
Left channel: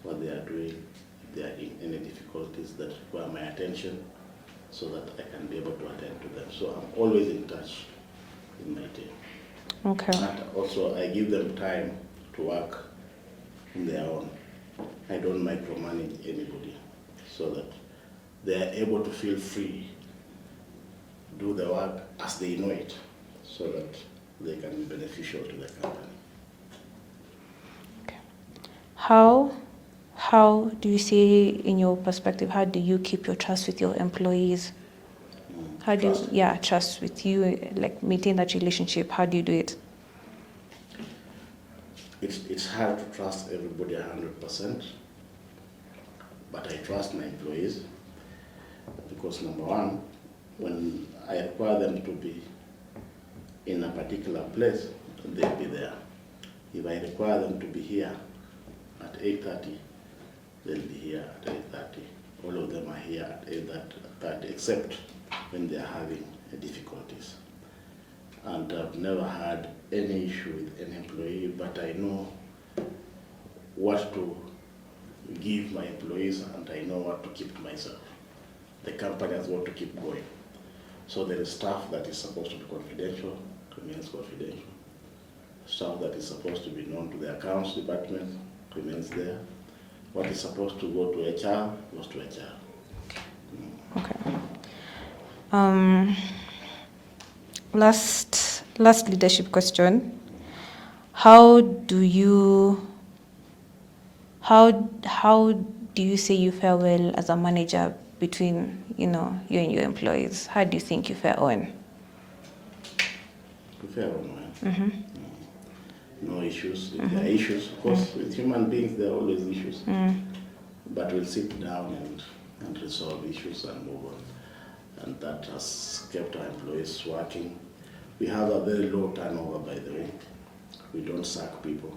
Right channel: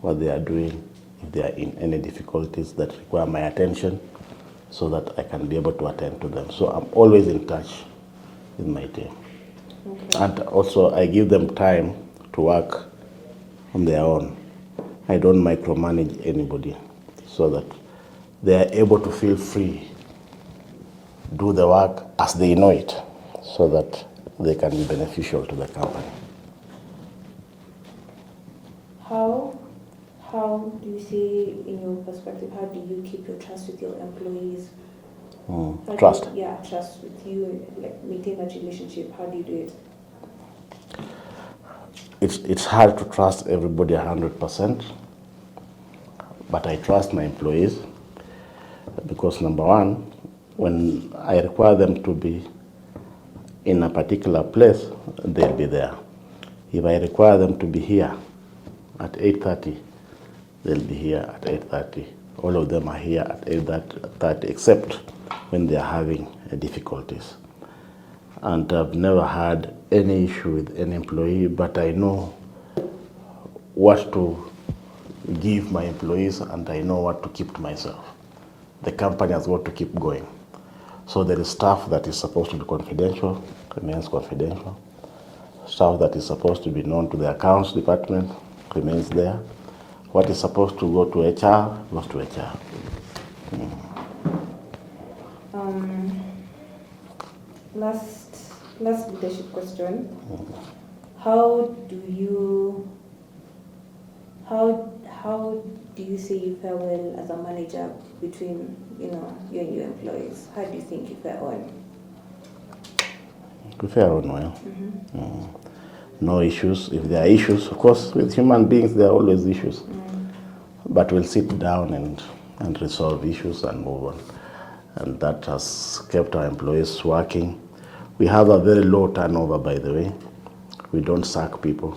what they are doing, if they are in any difficulties that require my attention, so that I can be able to attend to them. So I'm always in touch with my team. Okay. And also I give them time to work on their own. I don't micromanage anybody, so that they are able to feel free, do the work as they know it, so that they can be beneficial to the company. How do you see, in your perspective, how do you keep your trust with your employees? How do Trust. trust with you, like maintain that relationship. How do you do it? It's hard to trust everybody 100%, but I trust my employees because, number one, when I require them to be in a particular place, they'll be there. If I require them to be here at 8:30, they'll be here at 8:30. All of them are here at 8:30, except when they are having difficulties. And I've never had any issue with any employee, but I know what to give my employees and I know what to keep to myself. The company has got to keep going. So there is stuff that is supposed to be confidential, remains confidential. Stuff that is supposed to be known to the accounts department remains there. What is supposed to go to HR goes to HR. Last leadership question. How do you say you fare well as a manager between you and your employees? How do you think you fare on? We fare on well. No issues. If there are issues, of course, with human beings there are always issues. But we'll sit down and resolve issues and move on. And that has kept our employees working. We have a very low turnover, by the way. We don't sack people.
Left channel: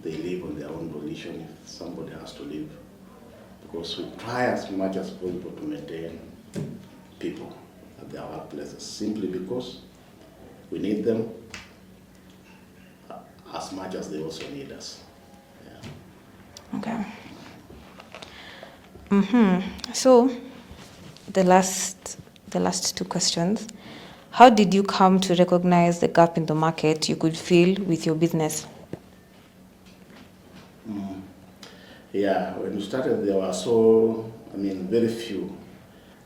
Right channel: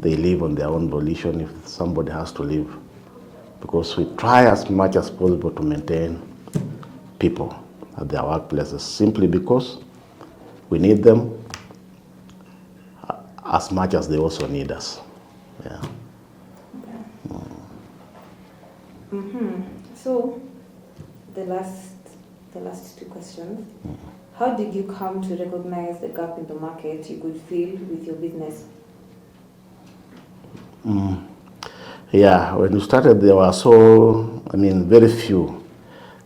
They leave on their own volition if somebody has to leave. Because we try as much as possible to maintain people at their workplaces, simply because we need them as much as they also need us. Yeah. Okay. So, the last two questions. How did you come to recognize the gap in the market you could fill with your business? Yeah, when we started, there were very few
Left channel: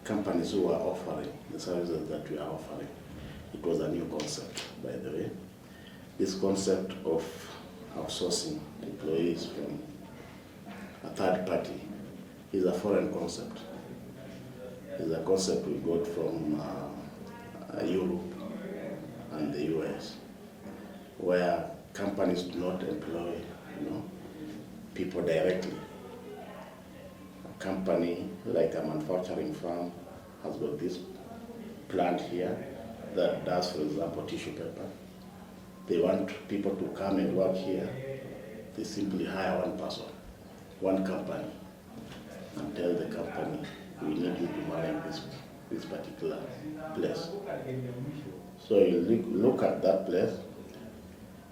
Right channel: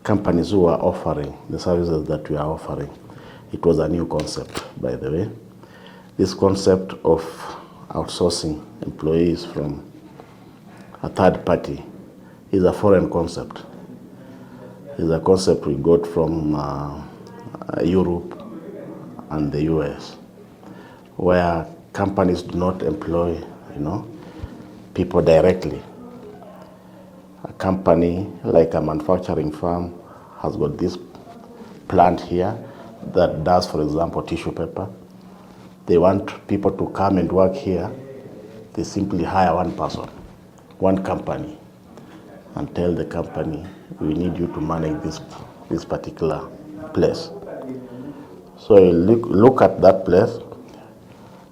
companies who were offering the services that we are offering. It was a new concept, by the way. This concept of outsourcing employees from a third party is a foreign concept. It's a concept we got from Europe and the US, where companies do not employ, people directly. A company like a manufacturing firm has got this plant here that does, for example, tissue paper. They want people to come and work here. They simply hire one person, one company, and tell the company, we need you to manage this particular place. So you look at that place,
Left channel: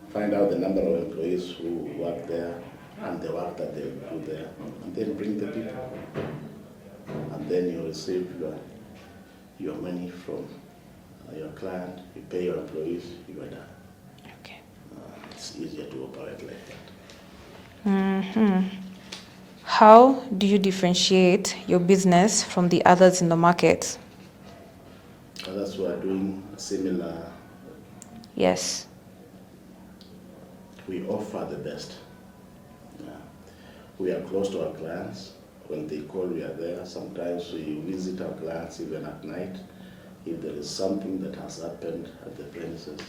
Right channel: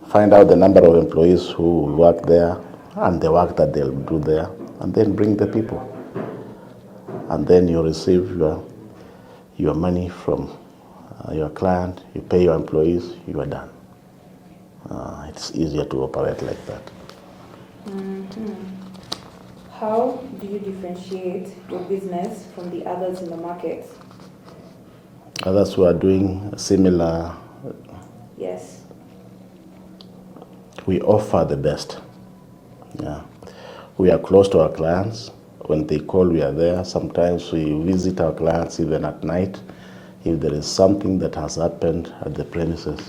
find out the number of employees who work there and the work that they'll do there, and then bring the people. And then you receive your money from your client, you pay your employees, you are done. Okay. It's easier to operate like that. How do you differentiate your business from the others in the market? Others who are doing similar. Yes. We offer the best. Yeah. We are close to our clients. When they call, we are there. Sometimes we visit our clients even at night. If there is something that has happened at the premises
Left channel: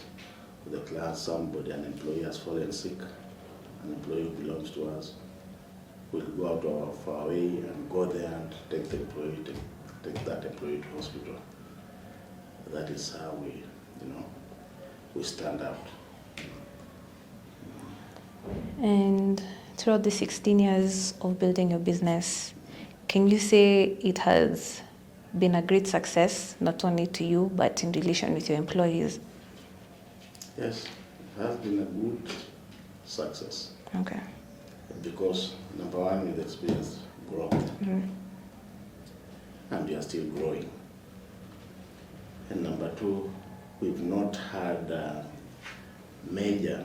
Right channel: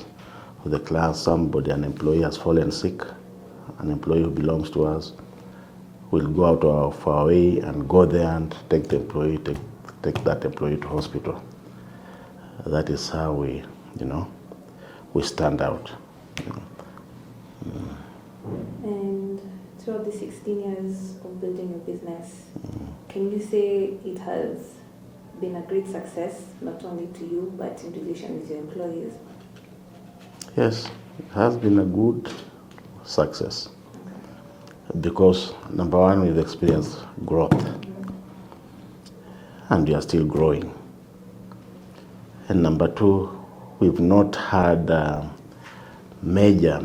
of the client, an employee has fallen sick, an employee who belongs to us, we'll go out of our way and go there and take that employee to hospital. That is how we stand out. And throughout the 16 years of building your business, can you say it has been a great success, not only to you, but in relation with your employees? Yes, it has been a good success. Okay. Because number one, we've experienced growth, and we are still growing. And number two, we've not had major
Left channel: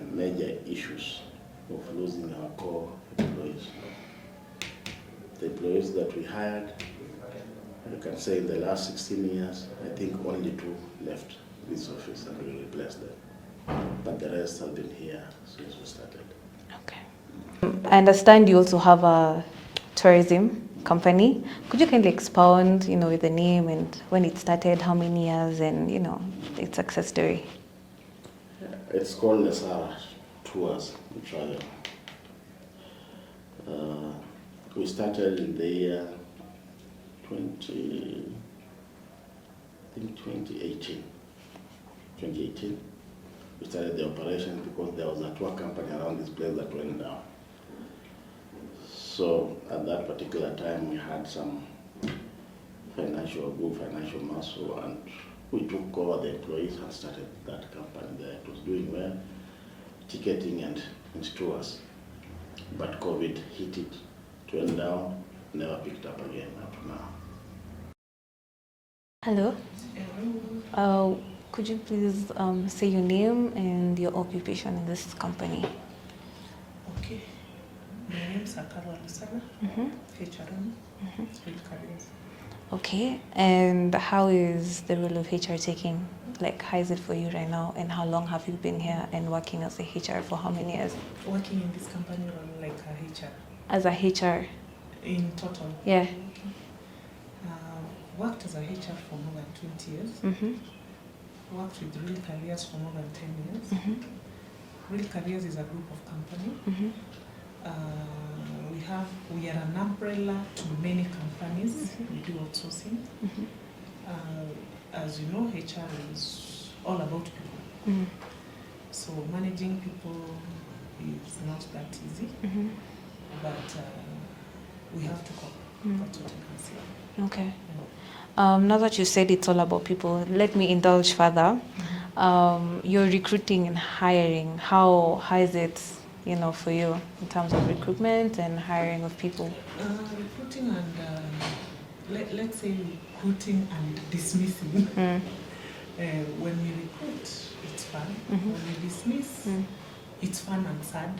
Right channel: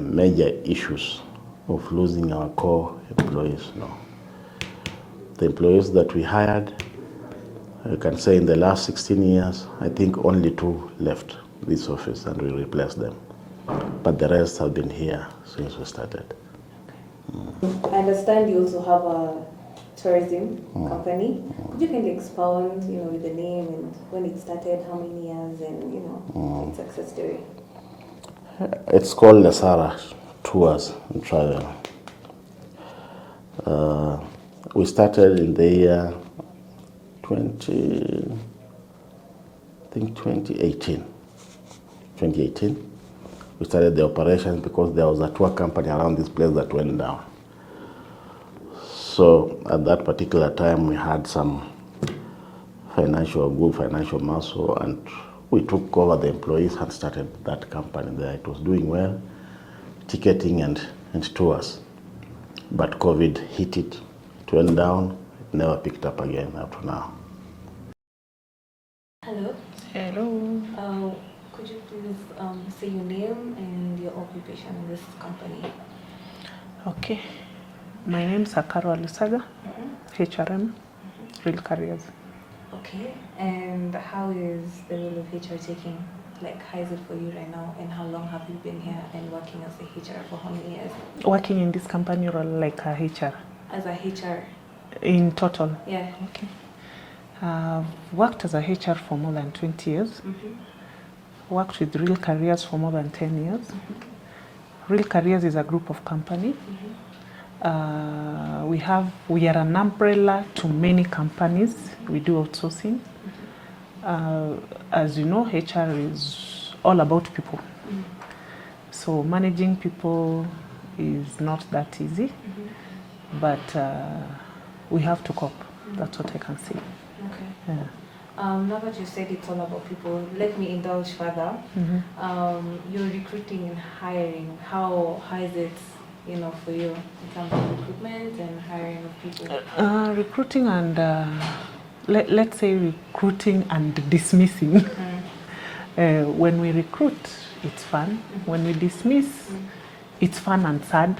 issues of losing our core employees. No. The employees that we hired, I can say in the last 16 years, I think only 2 left this office and we replaced them. But the rest have been here since we started. I understand you also have a tourism company. Could you kindly expound, with the name and when it started, how many years, and its success story? It's called Lesara Tours and Travel. We started in the year 2018. 2018. We started the operations because there was a tour company around this place that went down. So at that particular time, we had some good financial muscle, and we took over the employees and started that company there. It was doing well, ticketing and tours. But COVID hit it, it went down, never picked up again up to now. Hello. Hello. Could you please say your name and your occupation in this company? Okay. My name is Akaro Alusaga, HRM, Real Careers. Okay. And how is the role of HR taking? Like, how is it for you right now? And how long have you been here and working as a HR for how many years? Working in this company or like a HR? As a HR. In total? Yeah. Okay. I've worked as a HR for more than 20 years. Worked with Real Careers for more than 10 years. Real Careers is a group of companies. We are an umbrella to many companies. We do outsourcing. As you know, HR is all about people. So managing people is not that easy, but we have to cope. That's what I can say. Okay. Yeah. Now that you said it's all about people, let me indulge further. Your recruiting and hiring, how is it, for you in terms of recruitment and hiring of people? Recruiting and let's say recruiting and dismissing. When we recruit, it's fun. When we dismiss, it's fun and sad.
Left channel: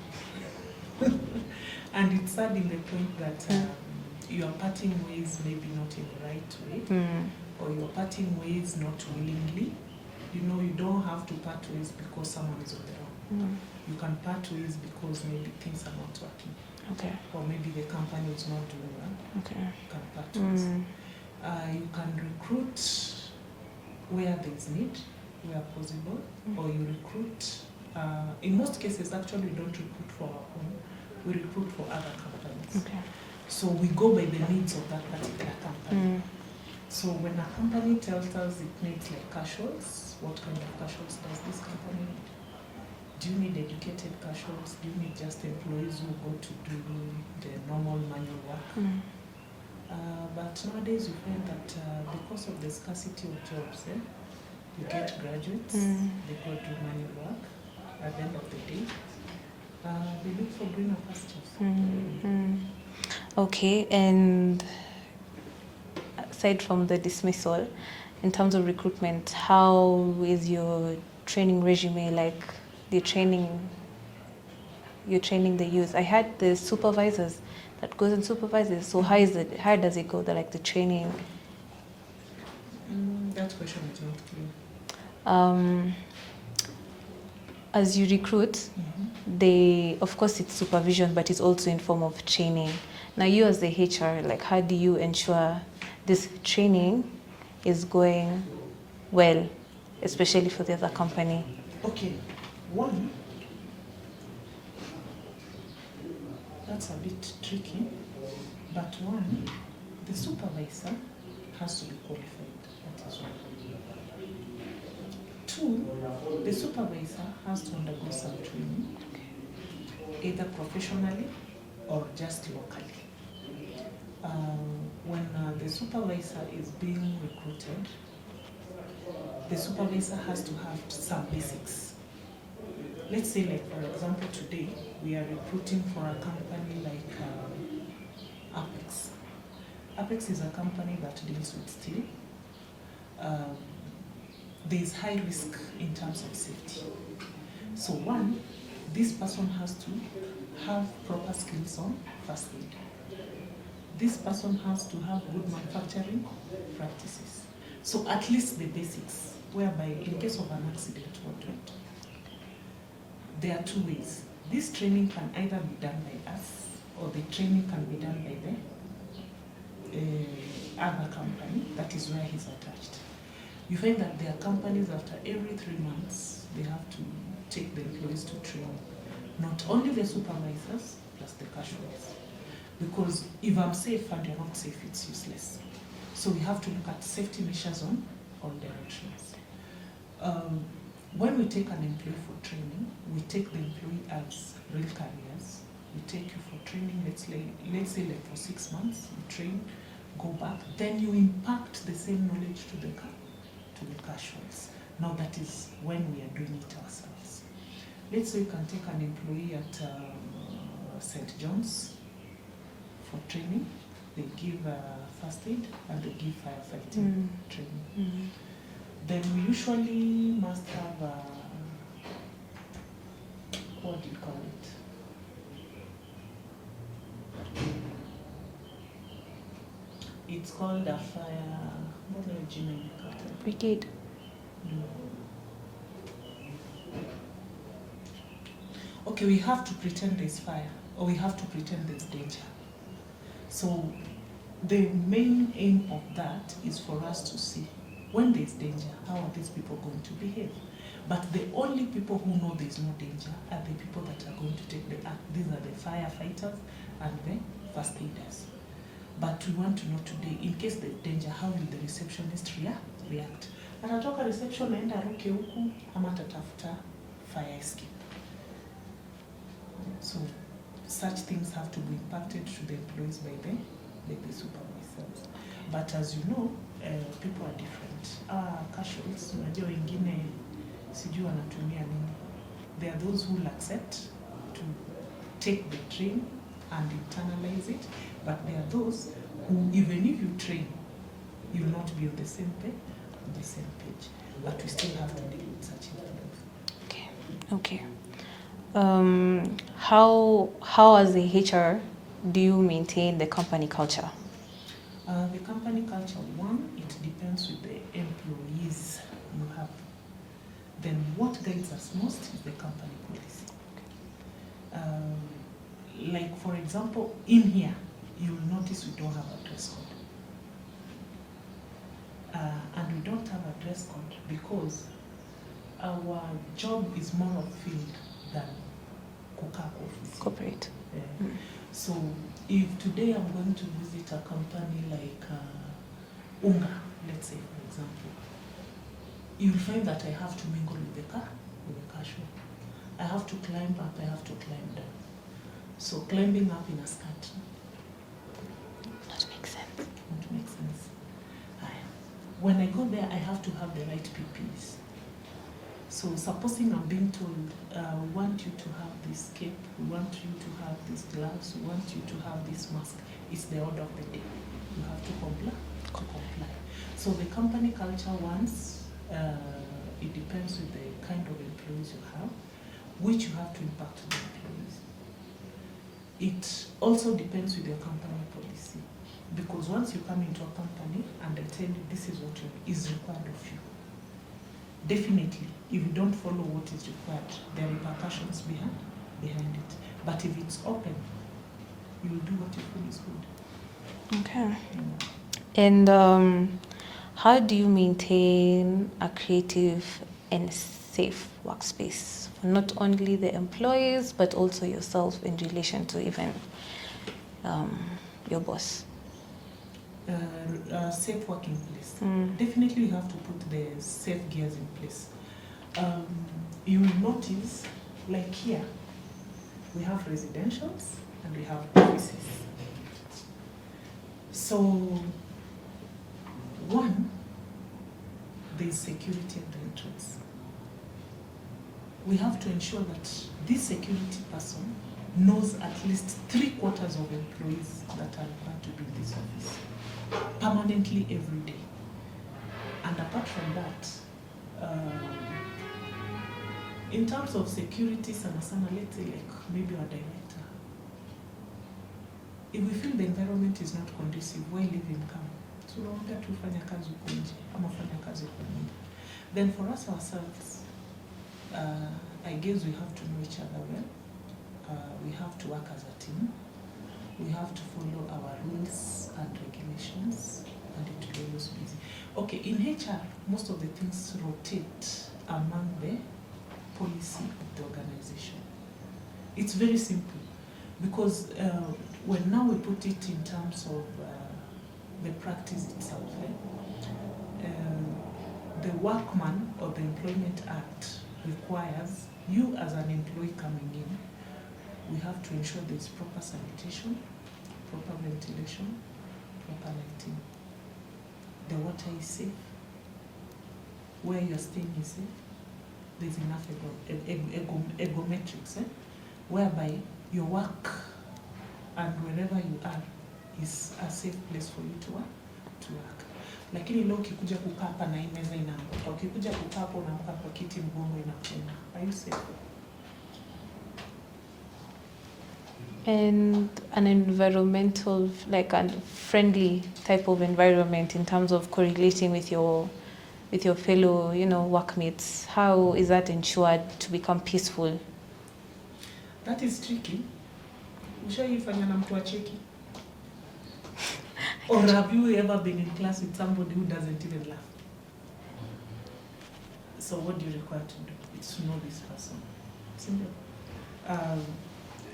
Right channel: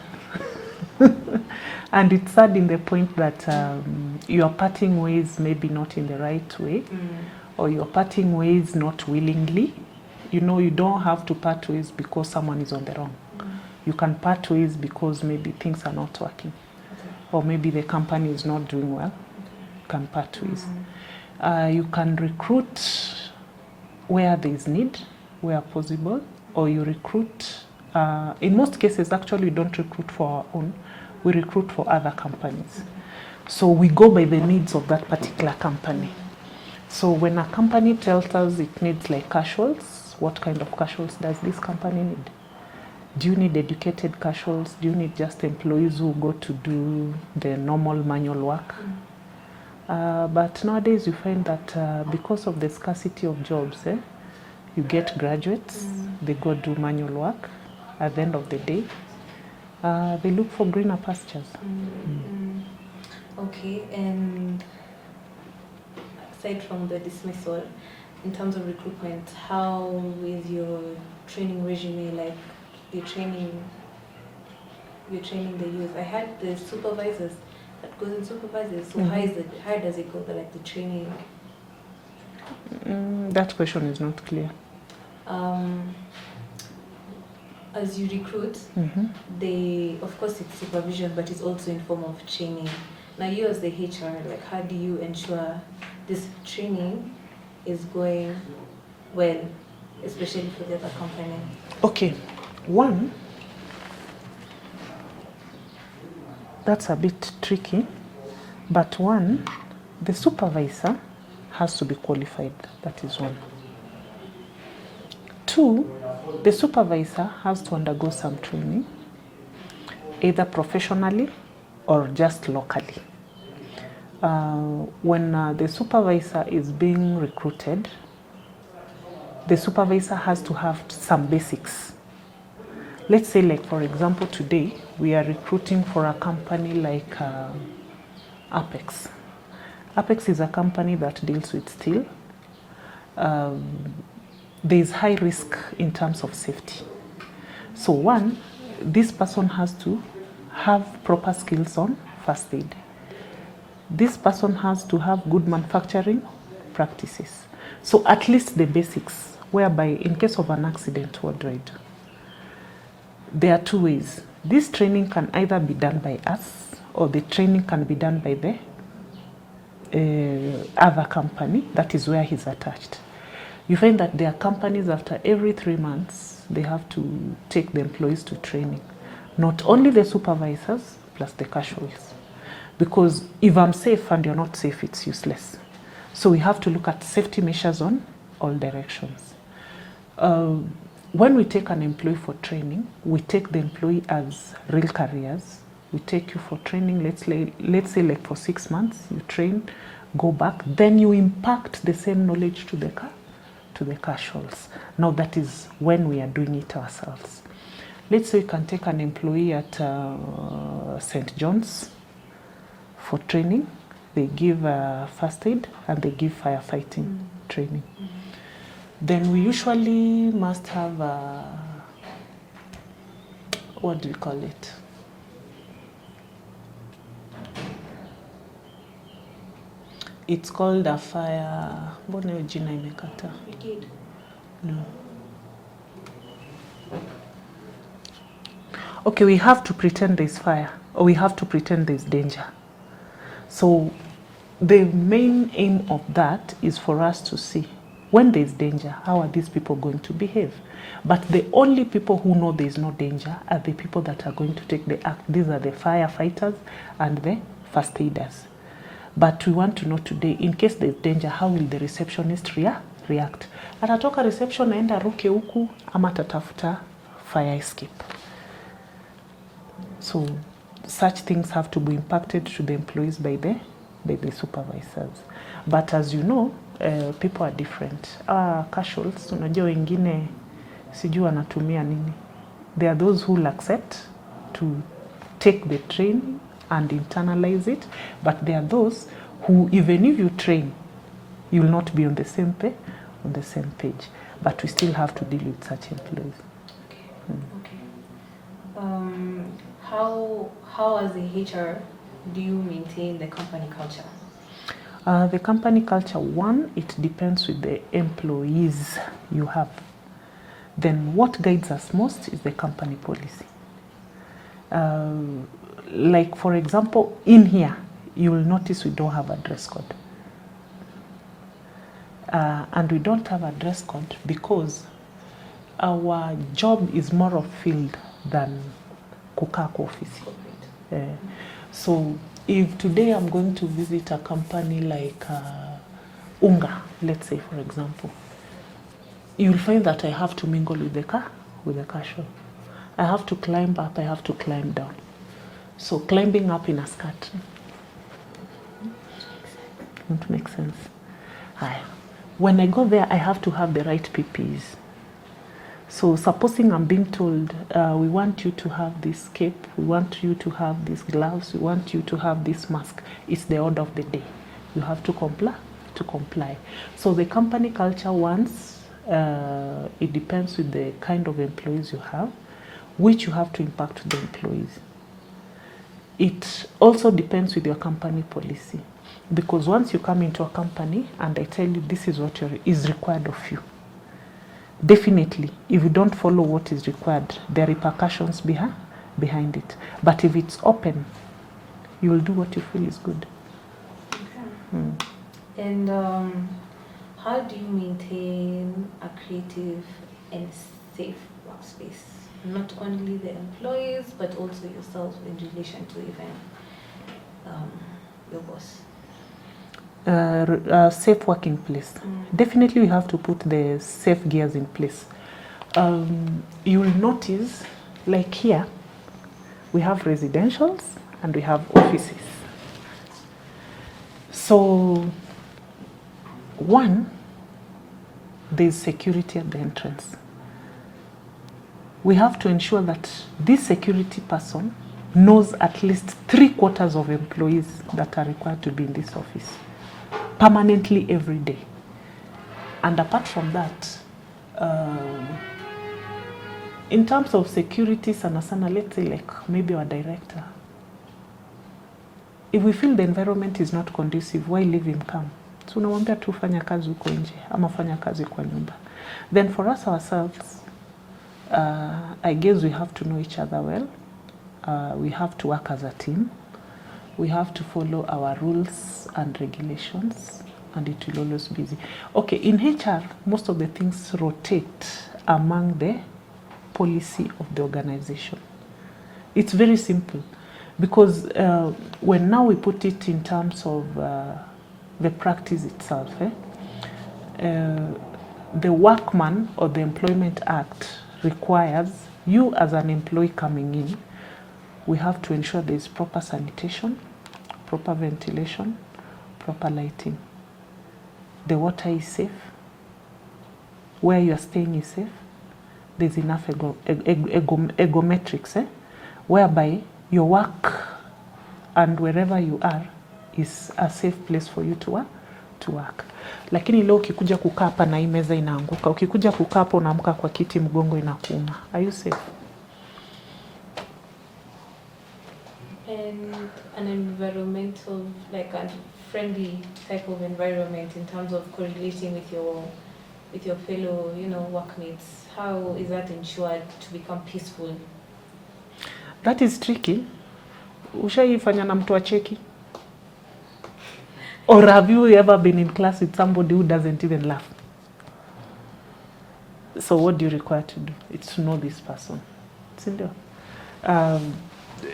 And it's sad in the point that you are parting ways maybe not in the right way, or you're parting ways not willingly. You don't have to part ways because someone is on the wrong. You can part ways because maybe things are not working. Okay. Or maybe the company is not doing well. Okay. You can part ways. You can recruit where there is need, where possible, or you recruit. In most cases, actually, we don't recruit for our own. We recruit for other companies. Okay. So we go by the needs of that particular company. So when a company tells us it needs like casuals, what kind of casuals does this company need? Do you need educated casuals? Do you need just employees who go to do the normal manual work? But nowadays you find that because of the scarcity of jobs, you get graduates, they go do manual work. At the end of the day, they look for greener pastures. Okay, and aside from the dismissal, in terms of recruitment, how is your training regime, like the training you're training the youth? I had the supervisors that goes and supervises. So how does it go? The training? That question is not clear. As you recruit, of course it's supervision, but it's also in form of training. Now you as the HR, how do you ensure this training is going well, especially for the other company? Okay, one, that's a bit tricky, but one, the supervisor has to be qualified, that is one. Two, the supervisor has to undergo some training, either professionally or just locally. when the supervisor is being recruited, the supervisor has to have some basics. Let's say, like, for example, today we are recruiting for a company like Apex. Apex is a company that deals with steel. There's high risk in terms of safety. So one, this person has to have proper skills on first aid. This person has to have good manufacturing practices. So at least the basics, whereby in case of an accident, what do I do? There are two ways. This training can either be done by us, or the training can be done by the other company, that is where he's attached. You find that there are companies after every 3 months, they have to take the employees to training. Not only the supervisors, plus the casuals. Because if I'm safe and you're not safe, it's useless. So we have to look at safety measures on all directions. When we take an employee for training, we take the employee as real careers. We take you for training, let's say like for 6 months, you train, go back, then you impact the same knowledge to the casuals. Now that is when we are doing it ourselves. Let's say you can take an employee at St. John's for training. They give first aid and they give firefighting training. Then we usually must have what do you call it? It's called a fire. Mbona hiyo jina imekata? Brigade. No. Okay, we have to pretend there's fire, or we have to pretend there's danger. So the main aim of that is for us to see when there's danger, how are these people going to behave? But the only people who know there's no danger are the people that are going to take the act. These are the firefighters and the first aiders. But we want to know today, in case there's danger, how will the receptionist react? Atatoka reception aenda ruke huku ama tatafuta fire escape. So such things have to be impacted to the employees by the supervisors. But as you know, people are different. Casuals, unajua wengine sijui wanatumia nini. There are those who will accept to take the training and internalize it, but there are those who, even if you train, you will not be on the same page. But we still have to deal with such employees. Okay. How as a HR do you maintain the company culture? The company culture, one, it depends with the employees you have. Then what guides us most is the company policy. Like, for example, in here, you will notice we don't have a dress code. And we don't have a dress code because our job is more of field than kukaa kwa office. Corporate. So if today I'm going to visit a company like Unga, let's say, for example, you'll find that I have to mingle with the casual. I have to climb up, I have to climb down. So climbing up in a skirt. That makes sense. Won't make sense. When I go there, I have to have the right PPEs. So supposing I'm being told, we want you to have this cape, we want you to have these gloves, we want you to have this mask. It's the order of the day. You have to comply. So the company culture, once, it depends with the kind of employees you have, which you have to impact to the employees. It also depends with your company policy. Because once you come into a company and I tell you this is what is required of you, definitely, if you don't follow what is required, there are repercussions behind it. But if it's open, you will do what you feel is good. Okay. And how do you maintain a creative and safe workspace? Not only the employees, but also yourself in relation to even your boss? Safe working place. Definitely we have to put the safe gears in place. You will notice, like here, we have residentials and we have offices. So, one, there's security at the entrance. We have to ensure that this security person knows at least 3/4 of employees that are required to be in this office permanently every day. And apart from that, in terms of security, sana, let's say like maybe our director, if we feel the environment is not conducive, why leave him come? So unamwambia tu fanya kazi huko nje ama fanya kazi kwa nyumba. Then for us ourselves, I guess we have to know each other well. We have to work as a team. We have to follow our rules and regulations, and it will always be easy. Okay, in HR, most of the things rotate among the policy of the organization. It's very simple, because when now we put it in terms of the practice itself, the Workman or the Employment Act requires you as an employee coming in, we have to ensure there is proper sanitation, proper ventilation, proper lighting. The water is safe. Where you are staying is safe. There's enough ergometrics, whereby your work and wherever you are is a safe place for you to work. Lakini leo ukikuja kukaa hapa na hii meza inaanguka, ukikuja kukaa hapo unaamka kwa kiti mgongo inakuuma. Are you safe? And an environmental, like a friendly type of environment in terms of correlating with your fellow, workmates. How is that ensured to become peaceful? That is tricky. Ushaifanya na mtu acheki? Or have you ever been in class with somebody who doesn't even laugh? So what do you require to do? It's to know this person. Sindio?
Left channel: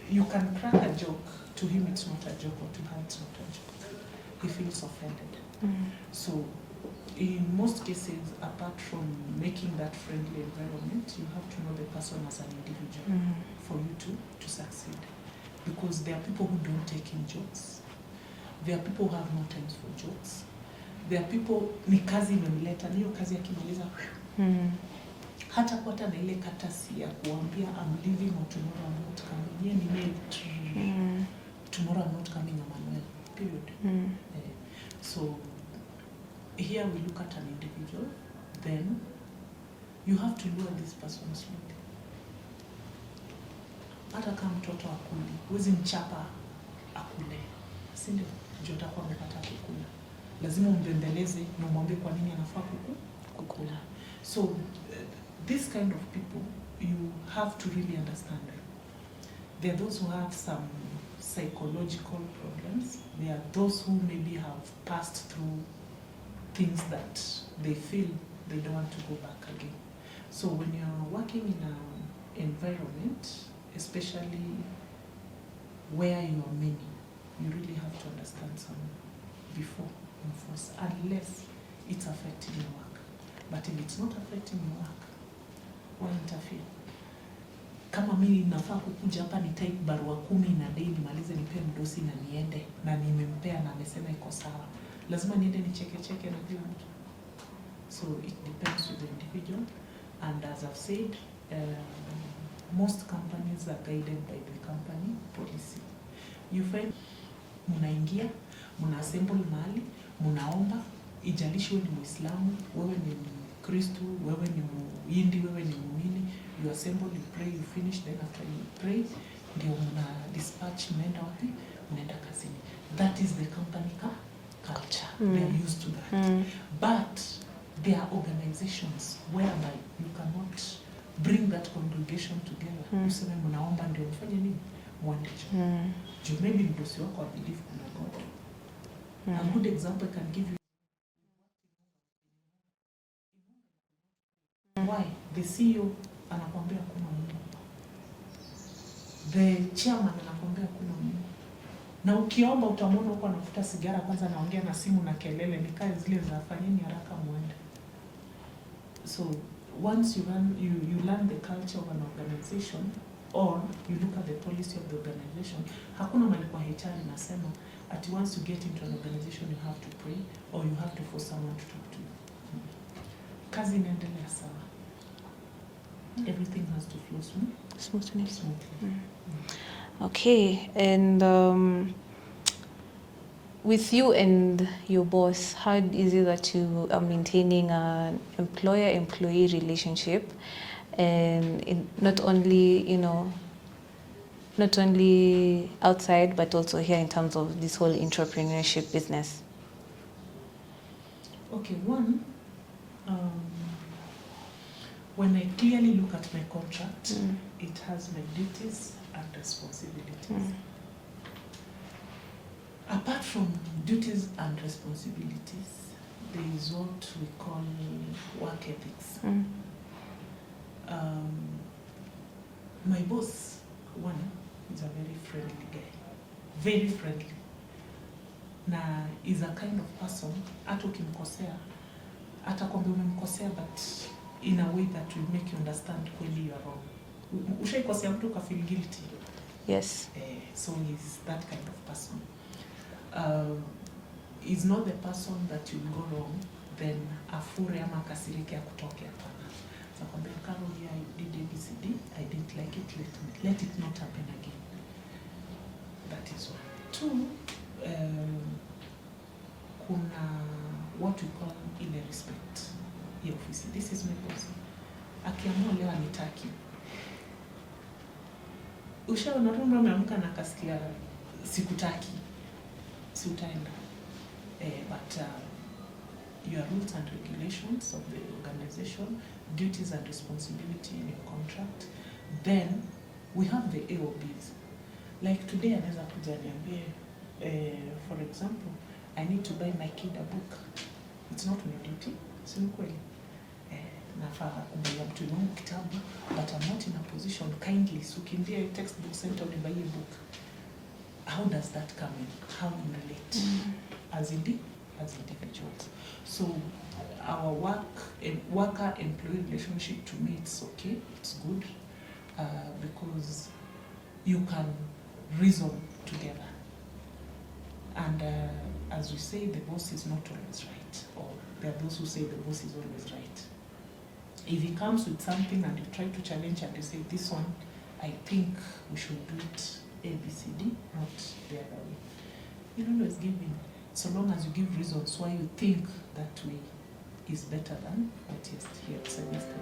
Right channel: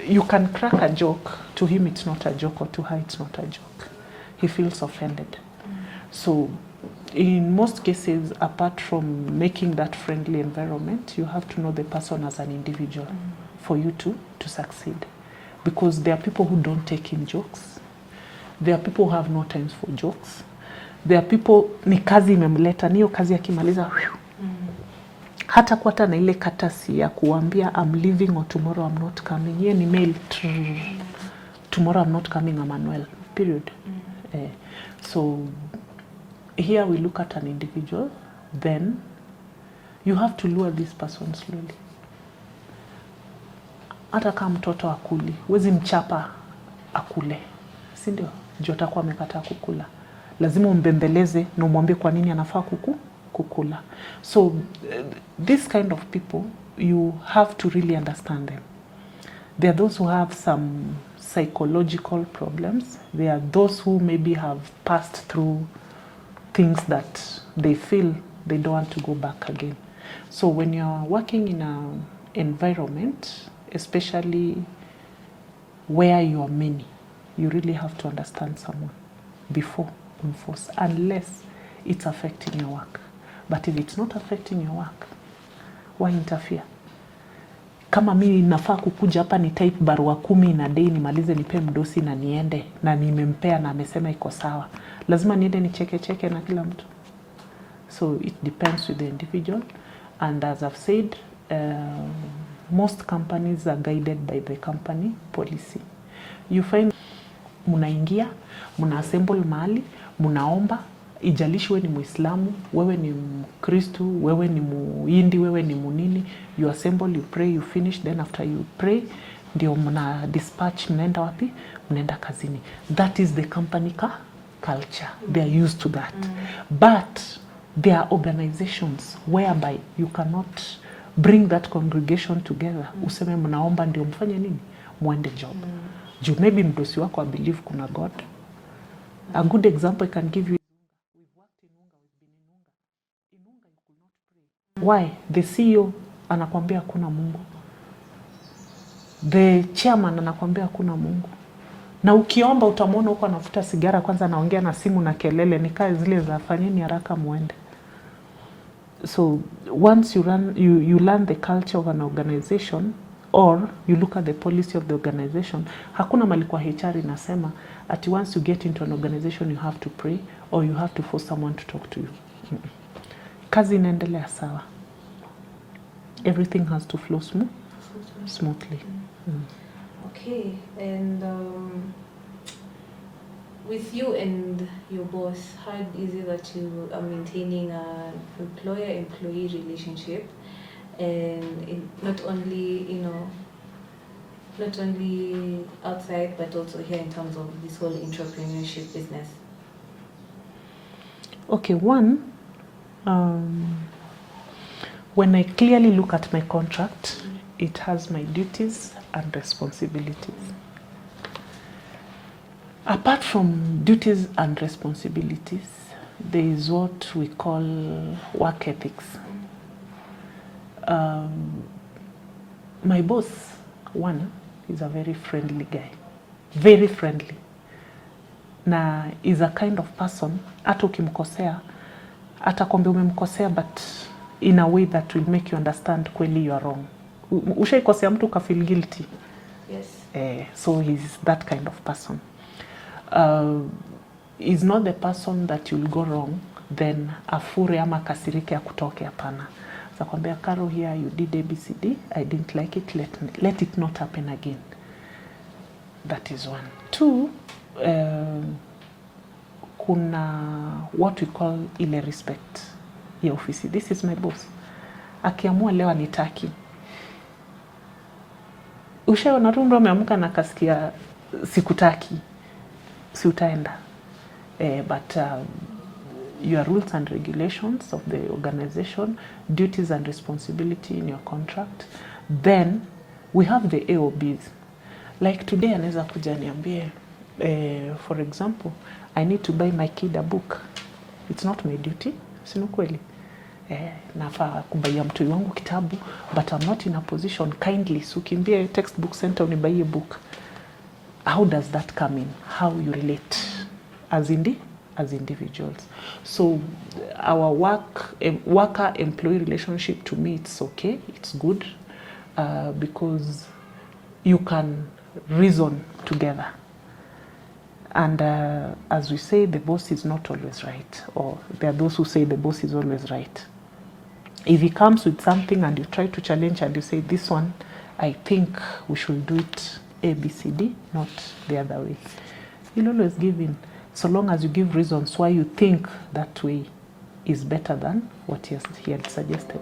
You can crack a joke. To him it's not a joke, or to her it's not a joke. He feels offended. So in most cases, apart from making that friendly environment, you have to know the person as an individual for you to succeed. Because there are people who don't take in jokes. There are people who have no time for jokes. There are people, ni kazi imemleta, niyo kazi akimaliza, hata kuata na ile katasi ya kuambia I'm leaving or tomorrow I'm not coming. Ye ni mail, tomorrow I'm not coming, Emmanuel, period. So here we look at an individual, then you have to lure this person slowly. Hata kama mtoto akuli, huwezi mchapa akule, si ndio? Juu atakuwa amekataa kukula. Lazima umbembeleze na umwambie kwa nini anafaa kukula. So this kind of people, you have to really understand them. There are those who have some psychological problems. There are those who maybe have passed through things that they feel they don't want to go back again. So when you're working in an environment, especially where you are many, you really have to understand someone before enforce, unless it's affecting your work. But if it's not affecting your work, why interfere? Kama mimi nafaa kukuja hapa ni type barua 10 na day nimalize nipe mdosi na niende na nimempea na amesema iko sawa, lazima niende nicheke na kila mtu. So it depends with the individual, and as I've said, most companies are guided by the company policy. You find munaingia, muna assemble mahali, munaomba, ijalishi wewe ni Muislamu, wewe ni Mkristu, wewe ni Muhindi, wewe ni munini, you assemble, you pray, you finish, then after you pray, ndio mna dispatch, mnaenda wapi? Mnaenda kazini. That is the company culture. They are used to that. But there are organizations whereby you cannot bring that congregation together. Useme mnaomba ndio mfanye nini? Muende job. Juu maybe mdosi wako I believe kuna God. A good example I can give you, we've worked in Unga, we've been in Unga you could not pray. Why? The CEO anakuambia hakuna Mungu. The chairman anakuambia hakuna Mungu. Na ukiomba utamwona huko anavuta sigara, kwanza anaongea na simu na kelele, ni kazi zile za fanyeni haraka muende. So once you learn the culture of an organization, or you look at the policy of the organization. Hakuna mali kwa HR inasema at once you get into an organization you have to pray or you have to force someone to talk to you. Kazi inaendelea sawa. Everything has to flow smoothly. Okay, and with you and your boss, how is it that you are maintaining an employer-employee relationship, and not only outside but also here in terms of this whole entrepreneurship business? Okay, one, when I clearly look at my contract, it has my duties and responsibilities. Apart from duties and responsibilities, there is what we call work ethics. My boss, one, is a very friendly guy. Very friendly. Na is a kind of person, hata ukimkosea, atakwambia umemkosea, but in a way that will make you understand kweli you are wrong. Ushaikosea mtu ka feel guilty? Yes. So he's that kind of person. Is not the person that you'll go wrong, then afure ama kasirike akutoke, hapana. So kwambia, Carol, here you did ABCD, I didn't like it, let it not happen again. That is one. Two, kuna what we call ile respect ya ofisi. This is my boss. Akiamua leo anitaki, ushaona tu ndo ameamka na kasikia sikutaki, si utaenda. But your rules and regulations of the organization, duties and responsibility in your contract. Then we have the AOBs. Like today anaweza kuja niambie, for example, I need to buy my kid a book. It's not my duty, sinu kweli. Nafaa kubaia mtu wangu kitabu, but I'm not in a position kindly. So kimbie textbook center unibaie book. How does that come in? How you relate as individuals? So our worker-employee relationship, to me, it's okay, it's good, because you can reason together. And as we say, the boss is not always right, or there are those who say the boss is always right. If he comes with something and you try to challenge and you say, this one, I think we should do it A, B, C, D, not the other way. You'll always give in, so long as you give reasons why you think that way is better than what he had suggested.